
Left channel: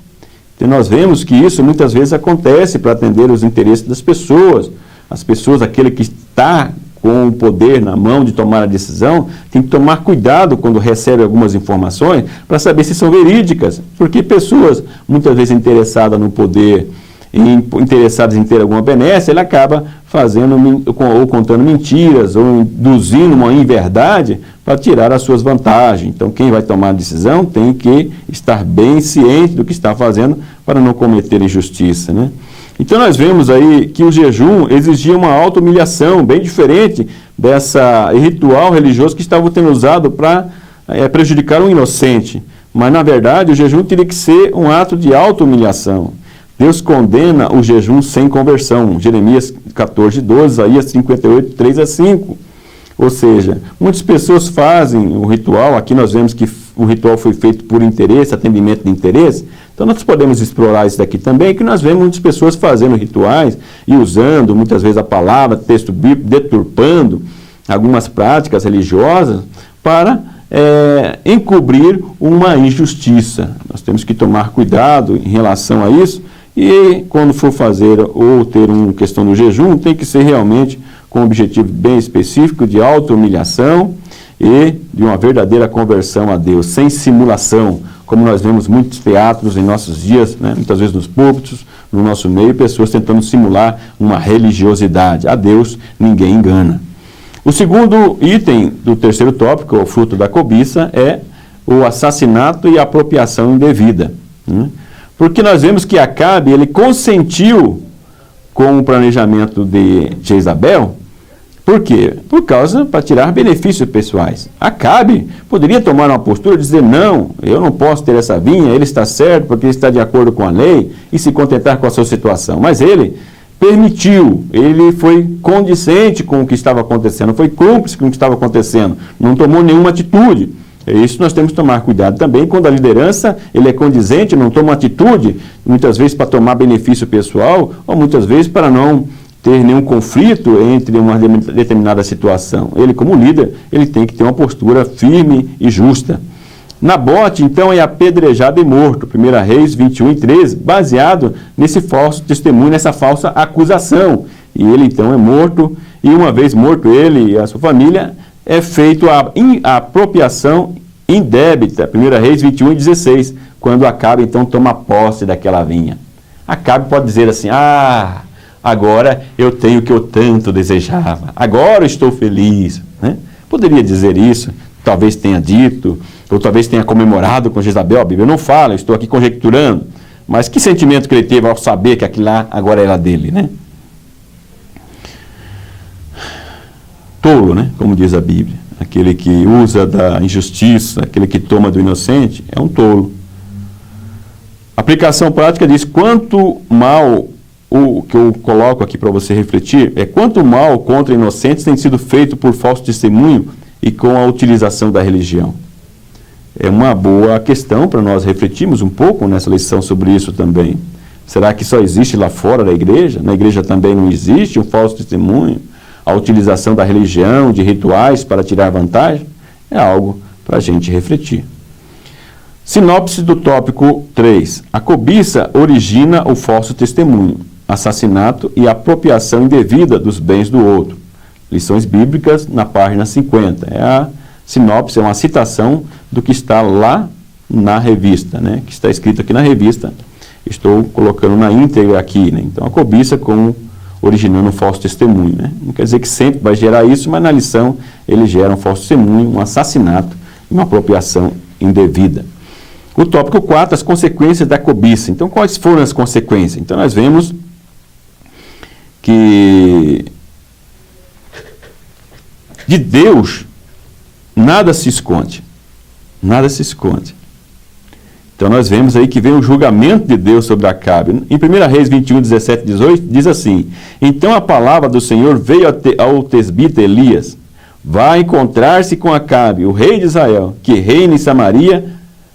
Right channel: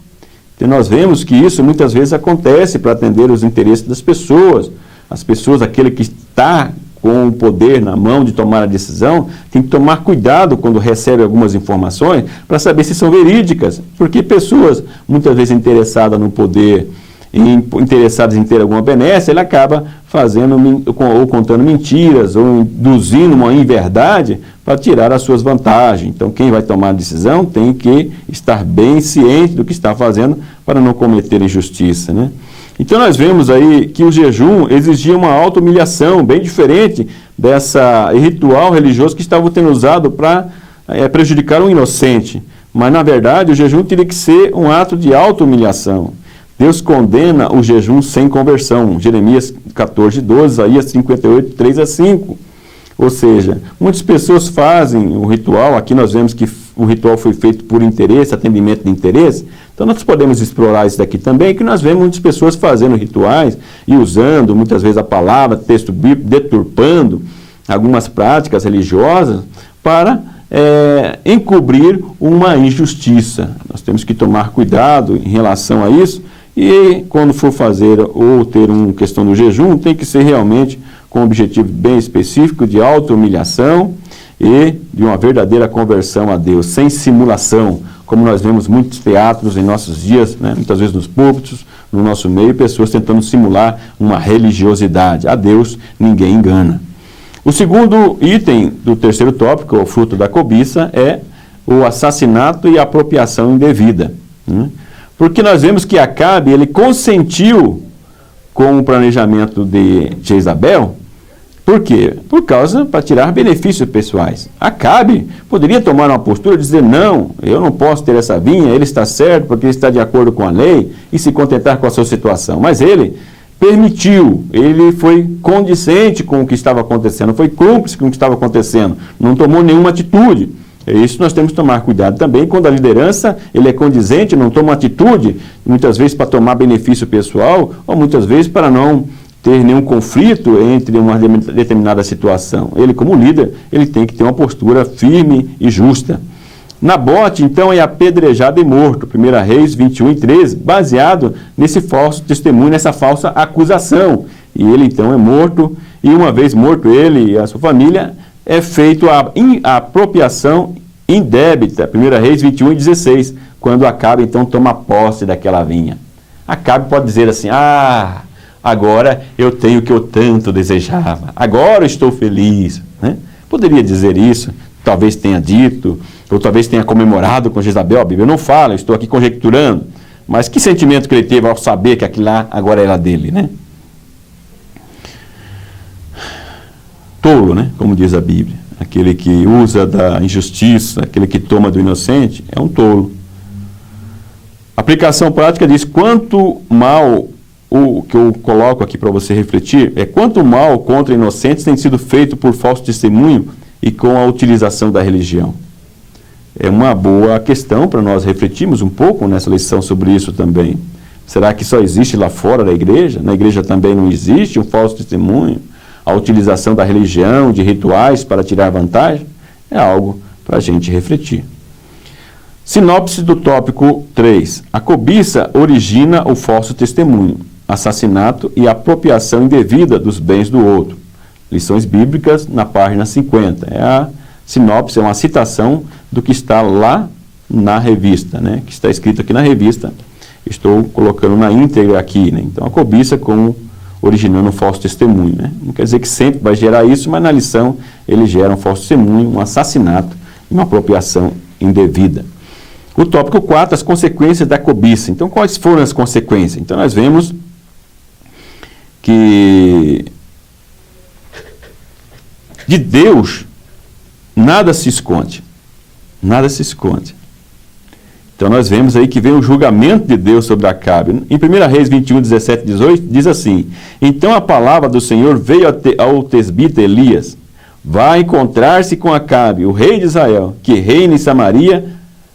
Então nós vemos que isso muitas vezes acontece para atender os interesses das pessoas. As pessoas, aquele que está com o poder na mão de tomar a decisão, tem que tomar cuidado quando recebe algumas informações para saber se são verídicas, porque pessoas muitas vezes interessadas no poder, interessadas em ter alguma benécia, ele acaba fazendo ou contando mentiras ou induzindo uma inverdade para tirar as suas vantagens. Então quem vai tomar a decisão tem que estar bem ciente do que está fazendo para não cometer injustiça, né? Então nós vemos aí que o jejum exigia uma auto-humilhação, bem diferente dessa ritual religioso que estava sendo usado para prejudicar um inocente. Mas, na verdade, o jejum teria que ser um ato de auto-humilhação. Deus condena o jejum sem conversão. Jeremias 14:12, Isaías 58, 3-5. Ou seja, muitas pessoas fazem o ritual, aqui nós vemos que o ritual foi feito por interesse, atendimento de interesse, então nós podemos explorar isso daqui também, que nós vemos muitas pessoas fazendo rituais e usando muitas vezes a palavra, texto bíblico, deturpando algumas práticas religiosas para encobrir uma injustiça. Nós temos que tomar cuidado em relação a isso e quando for fazer ou ter uma questão do jejum, tem que ser realmente com um objetivo bem específico de auto-humilhação e de uma verdadeira conversão a Deus, sem simulação, como nós vemos muitos teatros em nossos dias, né? Muitas vezes nos púlpitos, no nosso meio, pessoas tentando simular uma religiosidade. A Deus ninguém engana. O segundo item do terceiro tópico, o fruto da cobiça, é o assassinato e a apropriação indevida. Porque nós vemos que Acabe, ele consentiu com o planejamento de Jezabel. Por quê? Por causa, para tirar benefícios pessoais. Acabe poderia tomar uma postura e dizer, não, eu não posso ter essa vinha, ele está certo porque ele está de acordo com a lei e se contentar com a sua situação. Mas ele permitiu, ele foi condizente com o que estava acontecendo, foi cúmplice com o que estava acontecendo, não tomou nenhuma atitude. É isso que nós temos que tomar cuidado também, quando a liderança ele é condizente, não toma atitude, muitas vezes para tomar benefício pessoal, ou muitas vezes para não ter nenhum conflito entre uma determinada situação. Ele, como líder, ele tem que ter uma postura firme e justa. Nabote, então, é apedrejado e morto, 1 Reis 21:13, baseado nesse falso testemunho, nessa falsa acusação. E ele, então, é morto, e uma vez morto ele e a sua família, é feito a apropriação indébita, 1 Reis 21:16, quando Acabe, então, toma posse daquela vinha. Acabe pode dizer assim, agora eu tenho o que eu tanto desejava, agora eu estou feliz. Né? Poderia dizer isso, talvez tenha dito, ou talvez tenha comemorado com Jezabel, a Bíblia não fala, eu estou aqui conjecturando, mas que sentimento que ele teve ao saber que aquilo lá agora era dele, né? Tolo, né? Como diz a Bíblia, aquele que usa da injustiça, aquele que toma do inocente, é um tolo. A aplicação prática diz, quanto mal, o que eu coloco aqui para você refletir, é quanto mal contra inocentes tem sido feito por falso testemunho e com a utilização da religião. É uma boa questão para nós refletirmos um pouco nessa lição sobre isso também. Será que só existe lá fora da igreja? Na igreja também não existe um falso testemunho? A utilização da religião, de rituais para tirar vantagem? É algo para a gente refletir. Sinopse do tópico 3. A cobiça origina o falso testemunho, assassinato e apropriação indevida dos bens do outro. Lições bíblicas na página 50. É a sinopse, é uma citação do que está lá na revista, né? Que está escrito aqui na revista. Estou colocando na íntegra aqui, né? Então, a cobiça originando um falso testemunho, né? Não quer dizer que sempre vai gerar isso, mas na lição ele gera um falso testemunho, um assassinato e uma apropriação indevida. O tópico 4, as consequências da cobiça. Então, quais foram as consequências? Então, nós vemos que de Deus nada se esconde. Nada se esconde. Então nós vemos aí que vem o julgamento de Deus sobre Acabe. Em 1 Reis 21:17-18, diz assim, então a palavra do Senhor veio ao tesbita Elias, vai encontrar-se com Acabe, o rei de Israel, que reina em Samaria,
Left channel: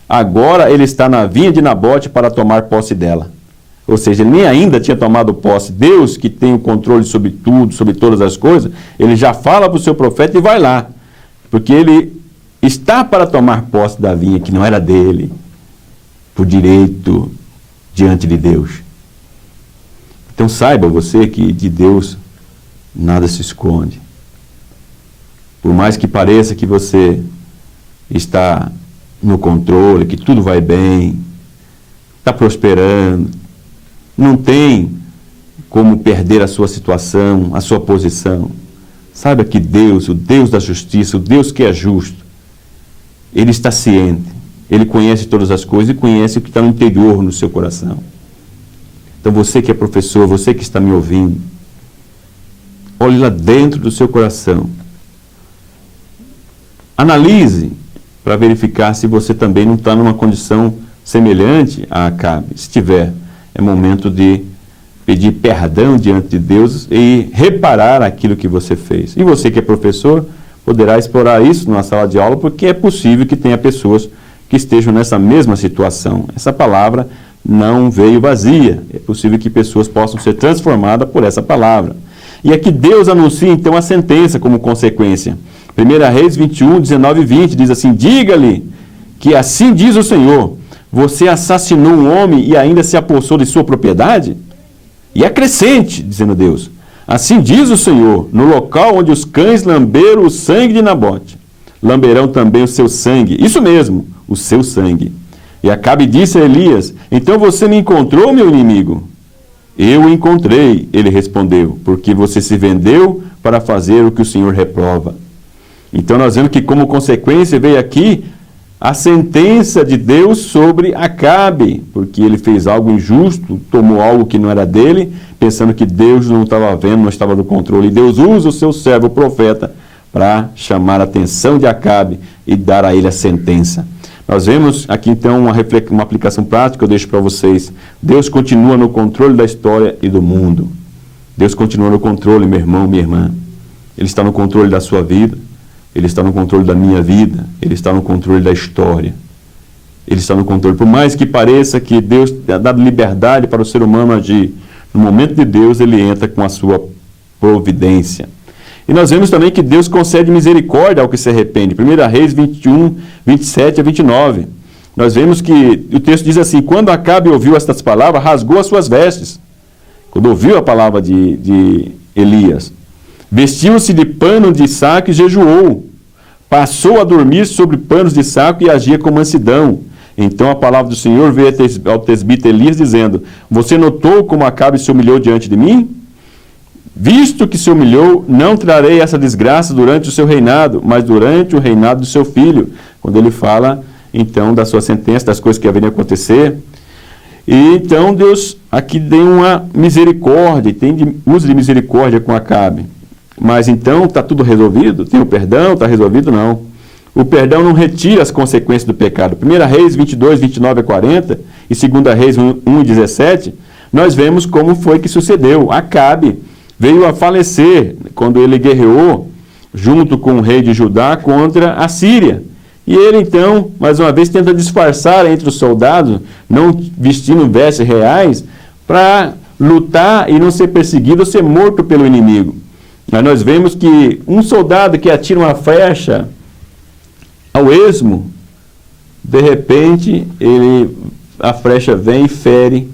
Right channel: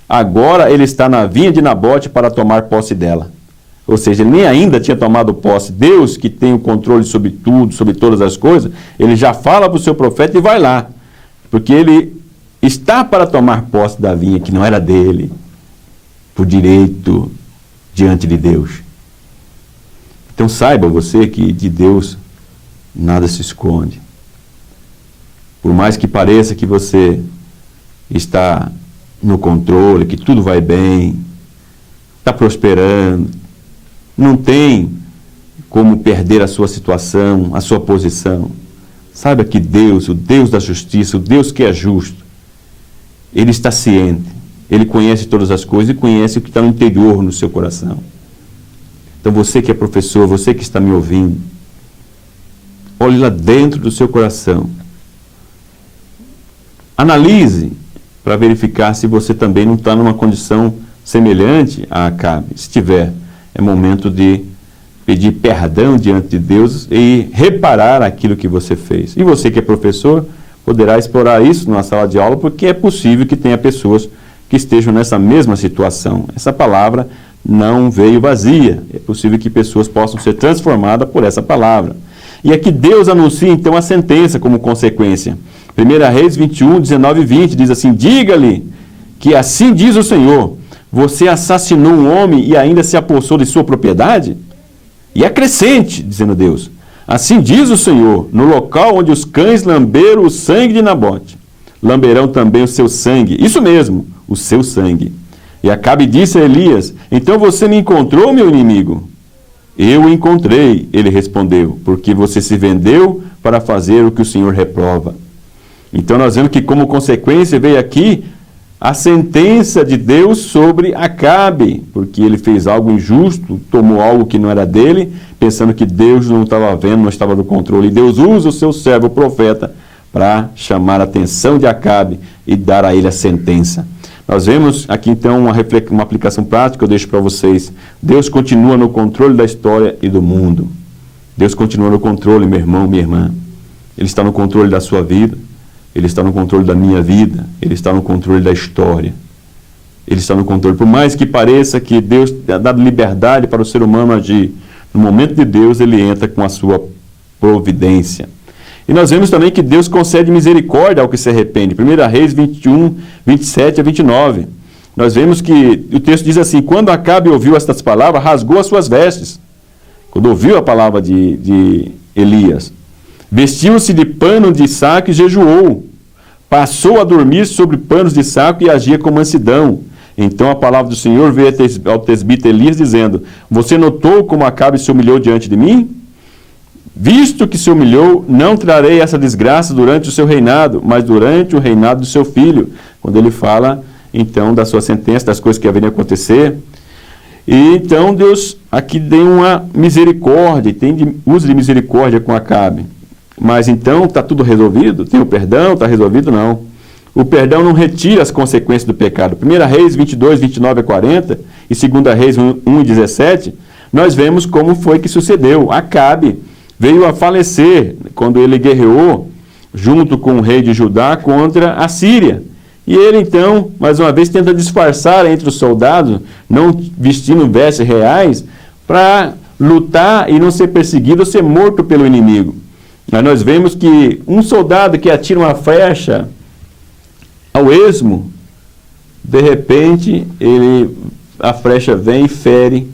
agora ele está na vinha de Nabote para tomar posse dela. Ou seja, ele nem ainda tinha tomado posse. Deus, que tem o controle sobre tudo, sobre todas as coisas, ele já fala para o seu profeta e vai lá. Porque ele está para tomar posse da vinha que não era dele, por direito diante de Deus. Então saiba você que de Deus nada se esconde. Por mais que pareça que você está no controle, que tudo vai bem, está prosperando, não tem como perder a sua situação, a sua posição. Saiba que Deus, o Deus da justiça, o Deus que é justo, Ele está ciente, Ele conhece todas as coisas e conhece o que está no interior, no seu coração. Então você que é professor, você que está me ouvindo, olhe lá dentro do seu coração. Analise para verificar se você também não está numa condição semelhante a Acabe. Se tiver, é momento de pedir perdão diante de Deus e reparar aquilo que você fez. E você que é professor, poderá explorar isso numa sala de aula, porque é possível que tenha pessoas que estejam nessa mesma situação. Essa palavra não veio vazia. É possível que pessoas possam ser transformadas por essa palavra. E aqui Deus anuncia então a sentença como consequência. 1 Reis 21, 19 e 20 diz assim: diga-lhe que assim diz o Senhor, você assassinou um homem e ainda se apossou de sua propriedade? E acrescente, dizendo Deus, assim diz o Senhor, no local onde os cães lamberam o sangue de Nabote, lamberão também o seu sangue, isso mesmo, o seu sangue. E Acabe disse a Elias, então você me encontrou, meu inimigo? Eu o encontrei, ele respondeu, porque você se vendeu para fazer o que o Senhor reprova. Então nós vemos que como consequência veio aqui a sentença de Deus sobre Acabe, porque ele fez algo injusto, tomou algo que não era dele, pensando que Deus não estava vendo, não estava no controle. E Deus usa o seu servo, o profeta, para chamar a atenção de Acabe e dar a ele a sentença. Nós vemos aqui então uma aplicação prática que eu deixo para vocês. Deus continua no controle da história e do mundo. Deus continua no controle, meu irmão, minha irmã. Ele está no controle da sua vida. Ele está no controle da minha vida. Ele está no controle da história. Ele está no controle. Por mais que pareça que Deus tenha dado liberdade para o ser humano agir, no momento de Deus ele entra com a sua providência. E nós vemos também que Deus concede misericórdia ao que se arrepende. 1 Reis 21, 27 a 29. Nós vemos que o texto diz assim, quando Acabe ouviu estas palavras, rasgou as suas vestes. Quando ouviu a palavra de Elias. Vestiu-se de pano de saco e jejuou. Passou a dormir sobre panos de saco e agia com mansidão. Então a palavra do Senhor veio ao tesbita Elias dizendo, você notou como Acabe se humilhou diante de mim? Visto que se humilhou, não trarei essa desgraça durante o seu reinado, mas durante o reinado do seu filho. Quando ele fala, então, da sua sentença, das coisas que haveriam acontecer. E então Deus aqui tem uma misericórdia, uso de misericórdia com Acabe. Mas então está tudo resolvido? Tem o perdão? Está resolvido? Não. O perdão não retira as consequências do pecado. 1 Reis 22, 29 a 40 e 2 Reis 1 e 17, nós vemos como foi que sucedeu. Acabe veio a falecer quando ele guerreou junto com o rei de Judá contra a Síria. E ele então, mais uma vez, tenta disfarçar entre os soldados, não vestindo vestes reais, para lutar e não ser perseguido ou ser morto pelo inimigo. Mas nós vemos que um soldado que atira uma flecha ao esmo, de repente, a flecha vem e fere,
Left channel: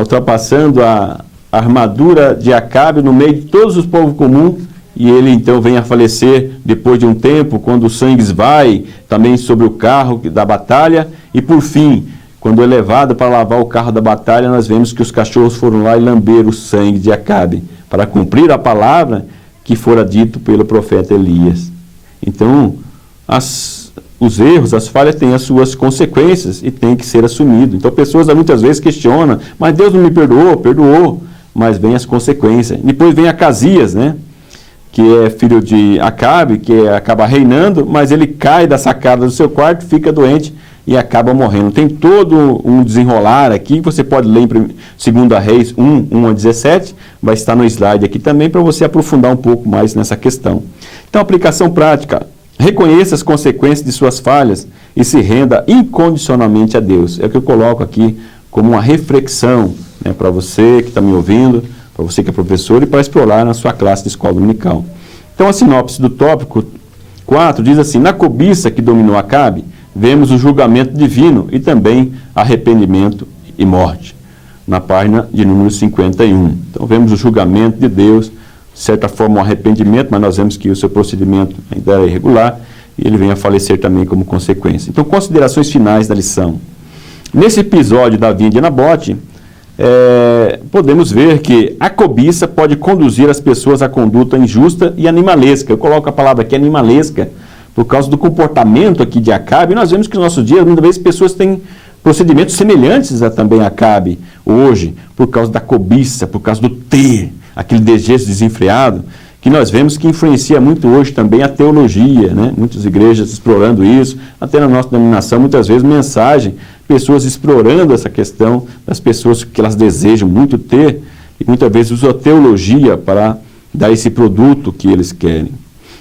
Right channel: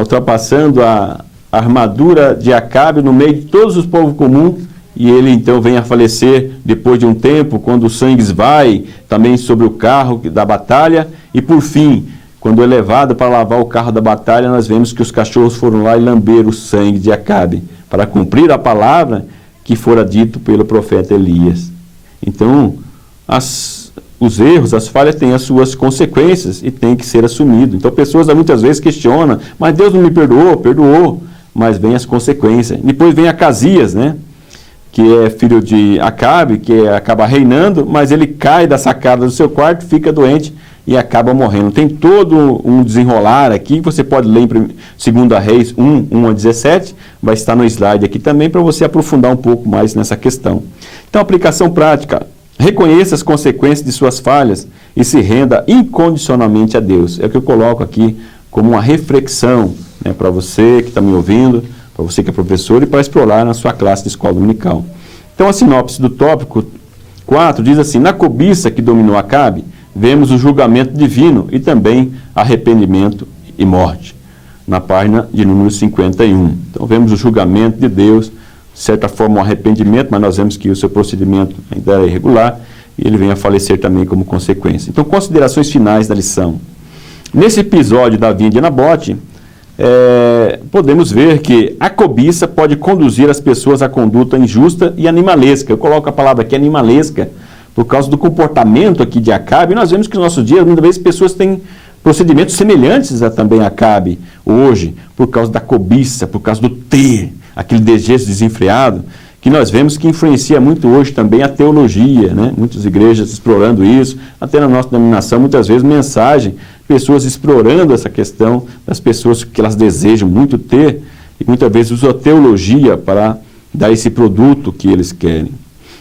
ultrapassando a armadura de Acabe no meio de todos os povos comuns, e ele então vem a falecer depois de um tempo, quando o sangue esvai também sobre o carro da batalha, e por fim, quando é levado para lavar o carro da batalha, nós vemos que os cachorros foram lá e lamberam o sangue de Acabe, para cumprir a palavra que fora dito pelo profeta Elias. Então, os erros, as falhas têm as suas consequências e têm que ser assumido. Então, pessoas muitas vezes questionam, mas Deus não me perdoou? Perdoou, mas vem as consequências. Depois vem Acasias, né? Que é filho de Acabe, que acaba reinando, mas ele cai da sacada do seu quarto, fica doente e acaba morrendo. Tem todo um desenrolar aqui, você pode ler em 2 Reis 1 a 17, vai estar no slide aqui também, para você aprofundar um pouco mais nessa questão. Então, aplicação prática. Reconheça as consequências de suas falhas e se renda incondicionalmente a Deus. É o que eu coloco aqui como uma reflexão, né, para você que está me ouvindo, para você que é professor e para explorar na sua classe de escola dominical. Então, a sinopse do tópico 4 diz assim, na cobiça que dominou Acabe, vemos o julgamento divino e também arrependimento e morte, na página de número 51. Então, vemos o julgamento de Deus, de certa forma um arrependimento, mas nós vemos que o seu procedimento ainda era irregular e ele vem a falecer também como consequência. Então, considerações finais da lição. Nesse episódio da vinda de Nabote, podemos ver que a cobiça pode conduzir as pessoas à conduta injusta e animalesca. Eu coloco a palavra aqui, animalesca, por causa do comportamento aqui de Acabe. Nós vemos que nos nossos dias, muitas vezes, pessoas têm procedimentos semelhantes a também Acabe hoje, por causa da cobiça, por causa do ter, aquele desejo desenfreado, que nós vemos que influencia muito hoje também a teologia, né? Muitas igrejas explorando isso, até na nossa denominação, muitas vezes mensagem, pessoas explorando essa questão das pessoas que elas desejam muito ter, e muitas vezes usam a teologia para dar esse produto que eles querem.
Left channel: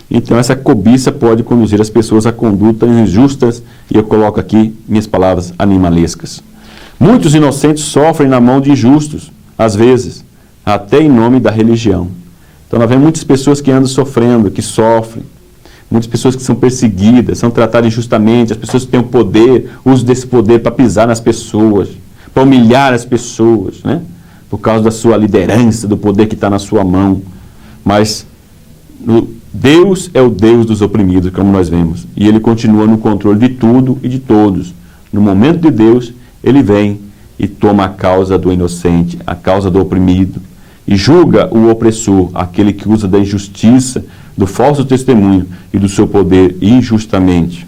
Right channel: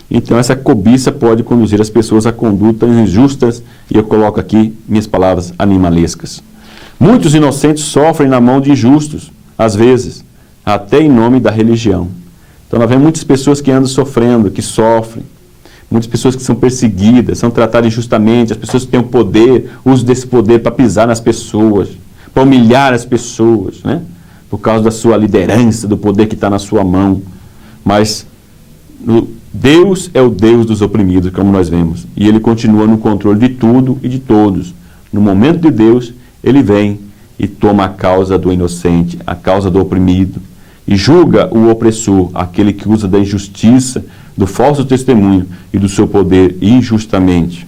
Então essa cobiça pode conduzir as pessoas a condutas injustas, e eu coloco aqui minhas palavras, animalescas. Muitos inocentes sofrem na mão de injustos, às vezes, até em nome da religião. Então nós vemos muitas pessoas que andam sofrendo, que sofrem, muitas pessoas que são perseguidas, são tratadas injustamente, as pessoas que têm o poder, usam desse poder para pisar nas pessoas, para humilhar as pessoas, né? Por causa da sua liderança, do poder que está na sua mão. Mas Deus é o Deus dos oprimidos, como nós vemos, e Ele continua no controle de tudo e de todos. No momento de Deus, Ele vem e toma a causa do inocente, a causa do oprimido, e julga o opressor, aquele que usa da injustiça, do falso testemunho e do seu poder injustamente.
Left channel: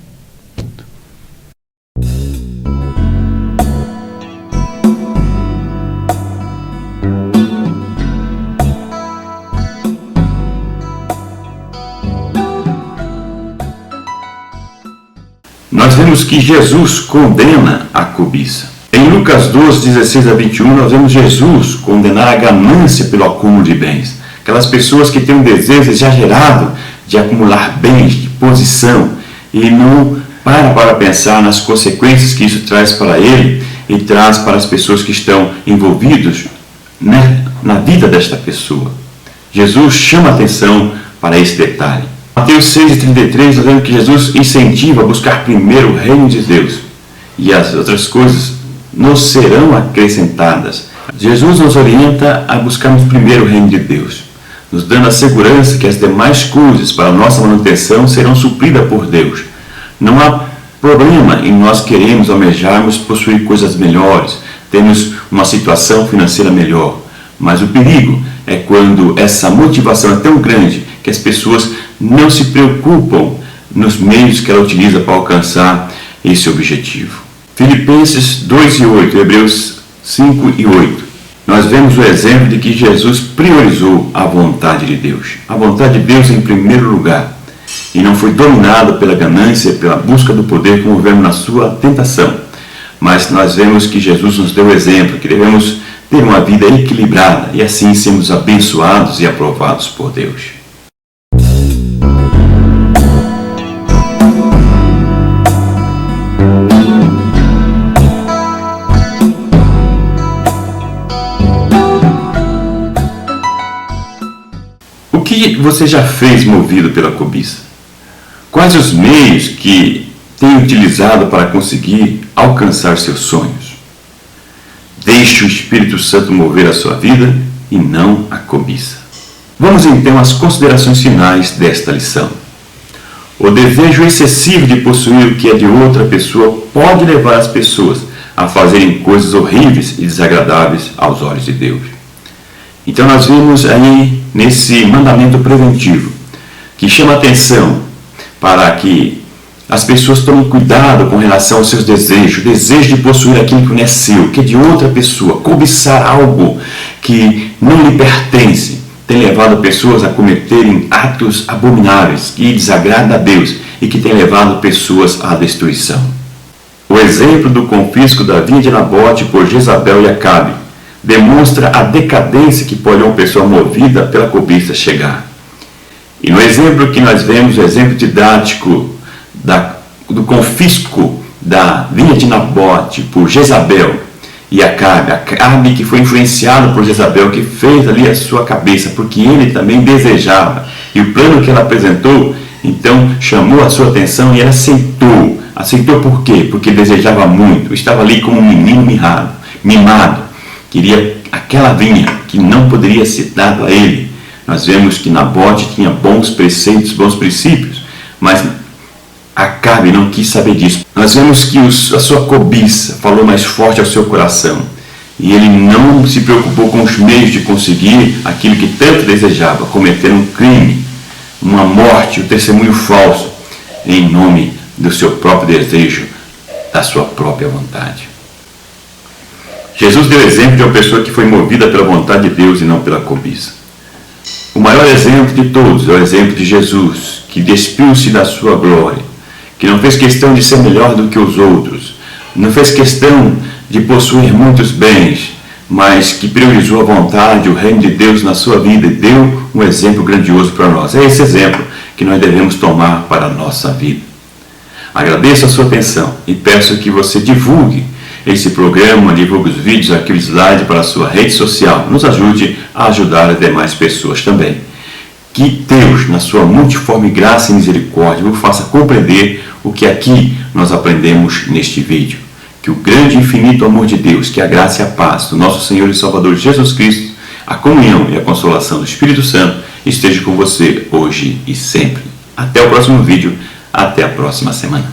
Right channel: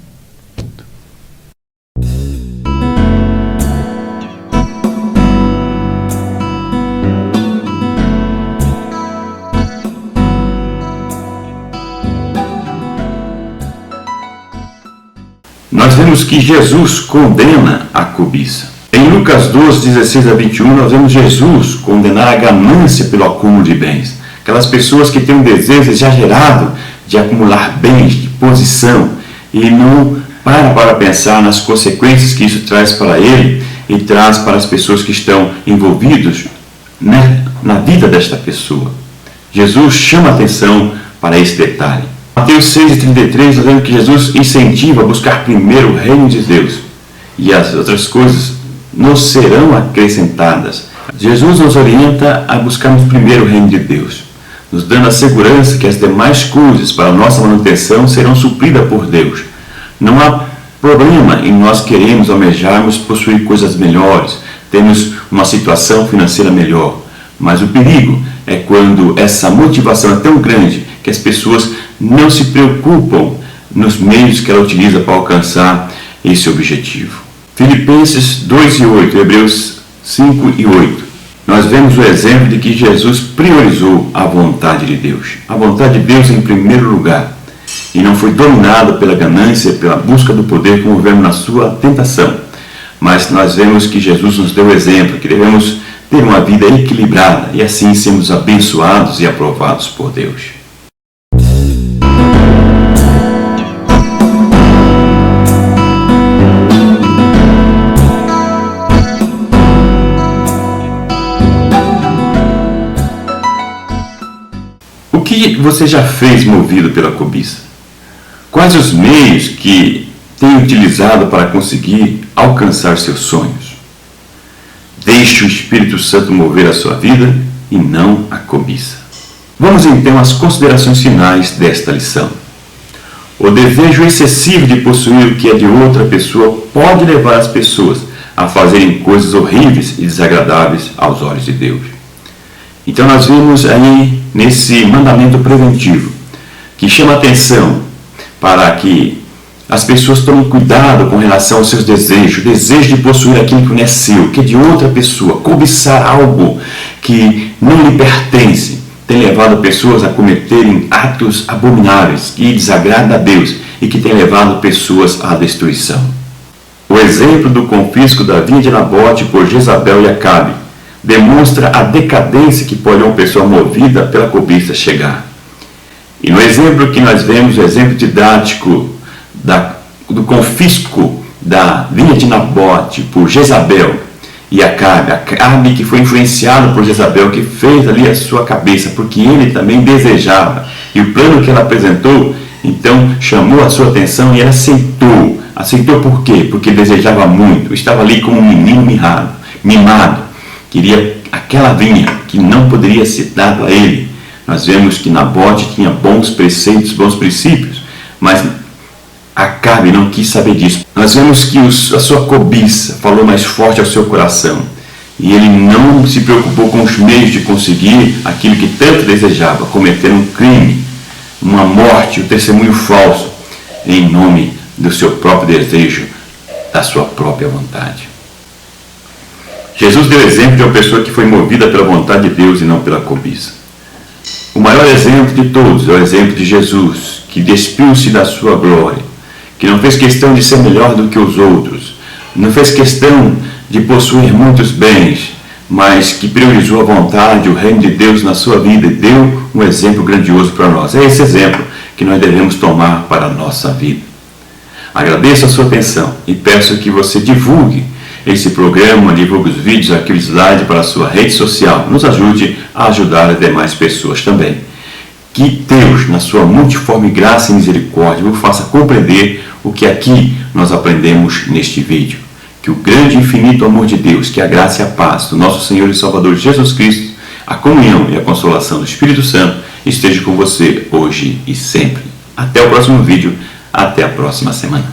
Nós vemos que Jesus condena a cobiça. Em Lucas 12, 16 a 21, nós vemos Jesus condenar a ganância pelo acúmulo de bens. Aquelas pessoas que têm um desejo exagerado de acumular bens, de posição, e não para pensar nas consequências que isso traz para ele e traz para as pessoas que estão envolvidas, né, na vida desta pessoa. Jesus chama atenção para esse detalhe. Mateus 6,33, nós vemos que Jesus incentiva a buscar primeiro o reino de Deus, e as outras coisas nos serão acrescentadas. Jesus nos orienta a buscarmos primeiro o reino de Deus, nos dando a segurança que as demais coisas para a nossa manutenção serão supridas por Deus. Não há problema em nós queremos, almejarmos possuir coisas melhores, termos uma situação financeira melhor, mas o perigo é quando essa motivação é tão grande que as pessoas não se preocupam nos meios que ela utiliza para alcançar esse objetivo. Filipenses 2 e 8, Hebreus 5 e 8. Nós vemos o exemplo de que Jesus priorizou a vontade de Deus. A vontade de Deus em primeiro lugar. E não foi dominado pela ganância, pela busca do poder, como vemos na sua tentação. Mas nós vemos que Jesus nos deu o exemplo, que devemos ter uma vida equilibrada e assim sermos abençoados e aprovados por Deus. O que você já fez movido pela cobiça? Quais os meios que tem utilizado para conseguir alcançar seus sonhos? Deixe o Espírito Santo mover a sua vida e não a cobiça. Vamos então às considerações finais desta lição. O desejo excessivo de possuir o que é de outra pessoa pode levar as pessoas a fazerem coisas horríveis e desagradáveis aos olhos de Deus. Então nós vimos aí nesse mandamento preventivo, que chama atenção para que as pessoas tomem cuidado com relação aos seus desejos, o desejo de possuir aquilo que não é seu, que é de outra pessoa, cobiçar algo que não lhe pertence, tem levado pessoas a cometerem atos abomináveis que desagradam a Deus e que tem levado pessoas à destruição. O exemplo do confisco da vinha de Nabote por Jezabel e Acabe demonstra a decadência que pode uma pessoa movida pela cobiça chegar. E no exemplo que nós vemos, o exemplo didático do confisco da vinha de Nabote por Jezabel e Acabe que foi influenciado por Jezabel, que fez ali a sua cabeça, porque ele também desejava, e o plano que ela apresentou, então chamou a sua atenção e ela aceitou. Aceitou por quê? Porque desejava muito, estava ali como um menino mimado, queria aquela vinha que não poderia ser dada a ele. Nós vemos que Nabote tinha bons preceitos, bons princípios, mas Acabe não quis saber disso. Nós vemos que a sua cobiça falou mais forte ao seu coração, e ele não se preocupou com os meios de conseguir aquilo que tanto desejava, cometer um crime, uma morte, um testemunho falso, em nome do seu próprio desejo, da sua própria vontade. Jesus deu exemplo de uma pessoa que foi movida pela vontade de Deus e não pela cobiça. O maior exemplo de todos é o exemplo de Jesus, que despiu-se da sua glória, que não fez questão de ser melhor do que os outros, não fez questão de possuir muitos bens, mas que priorizou a vontade, o reino de Deus na sua vida e deu um exemplo grandioso para nós. É esse exemplo que nós devemos tomar para a nossa vida. Agradeço a sua atenção e peço que você divulgue esse programa, divulgue os vídeos, arquivo slide para a sua rede social. Nos ajude a ajudar as demais pessoas também. Que Deus, na sua multiforme graça e misericórdia, vos faça compreender o que aqui nós aprendemos neste vídeo. Que o grande e infinito amor de Deus, que a graça e a paz do nosso Senhor e Salvador Jesus Cristo, a comunhão e a consolação do Espírito Santo esteja com você hoje e sempre. Até o próximo vídeo, até a próxima semana.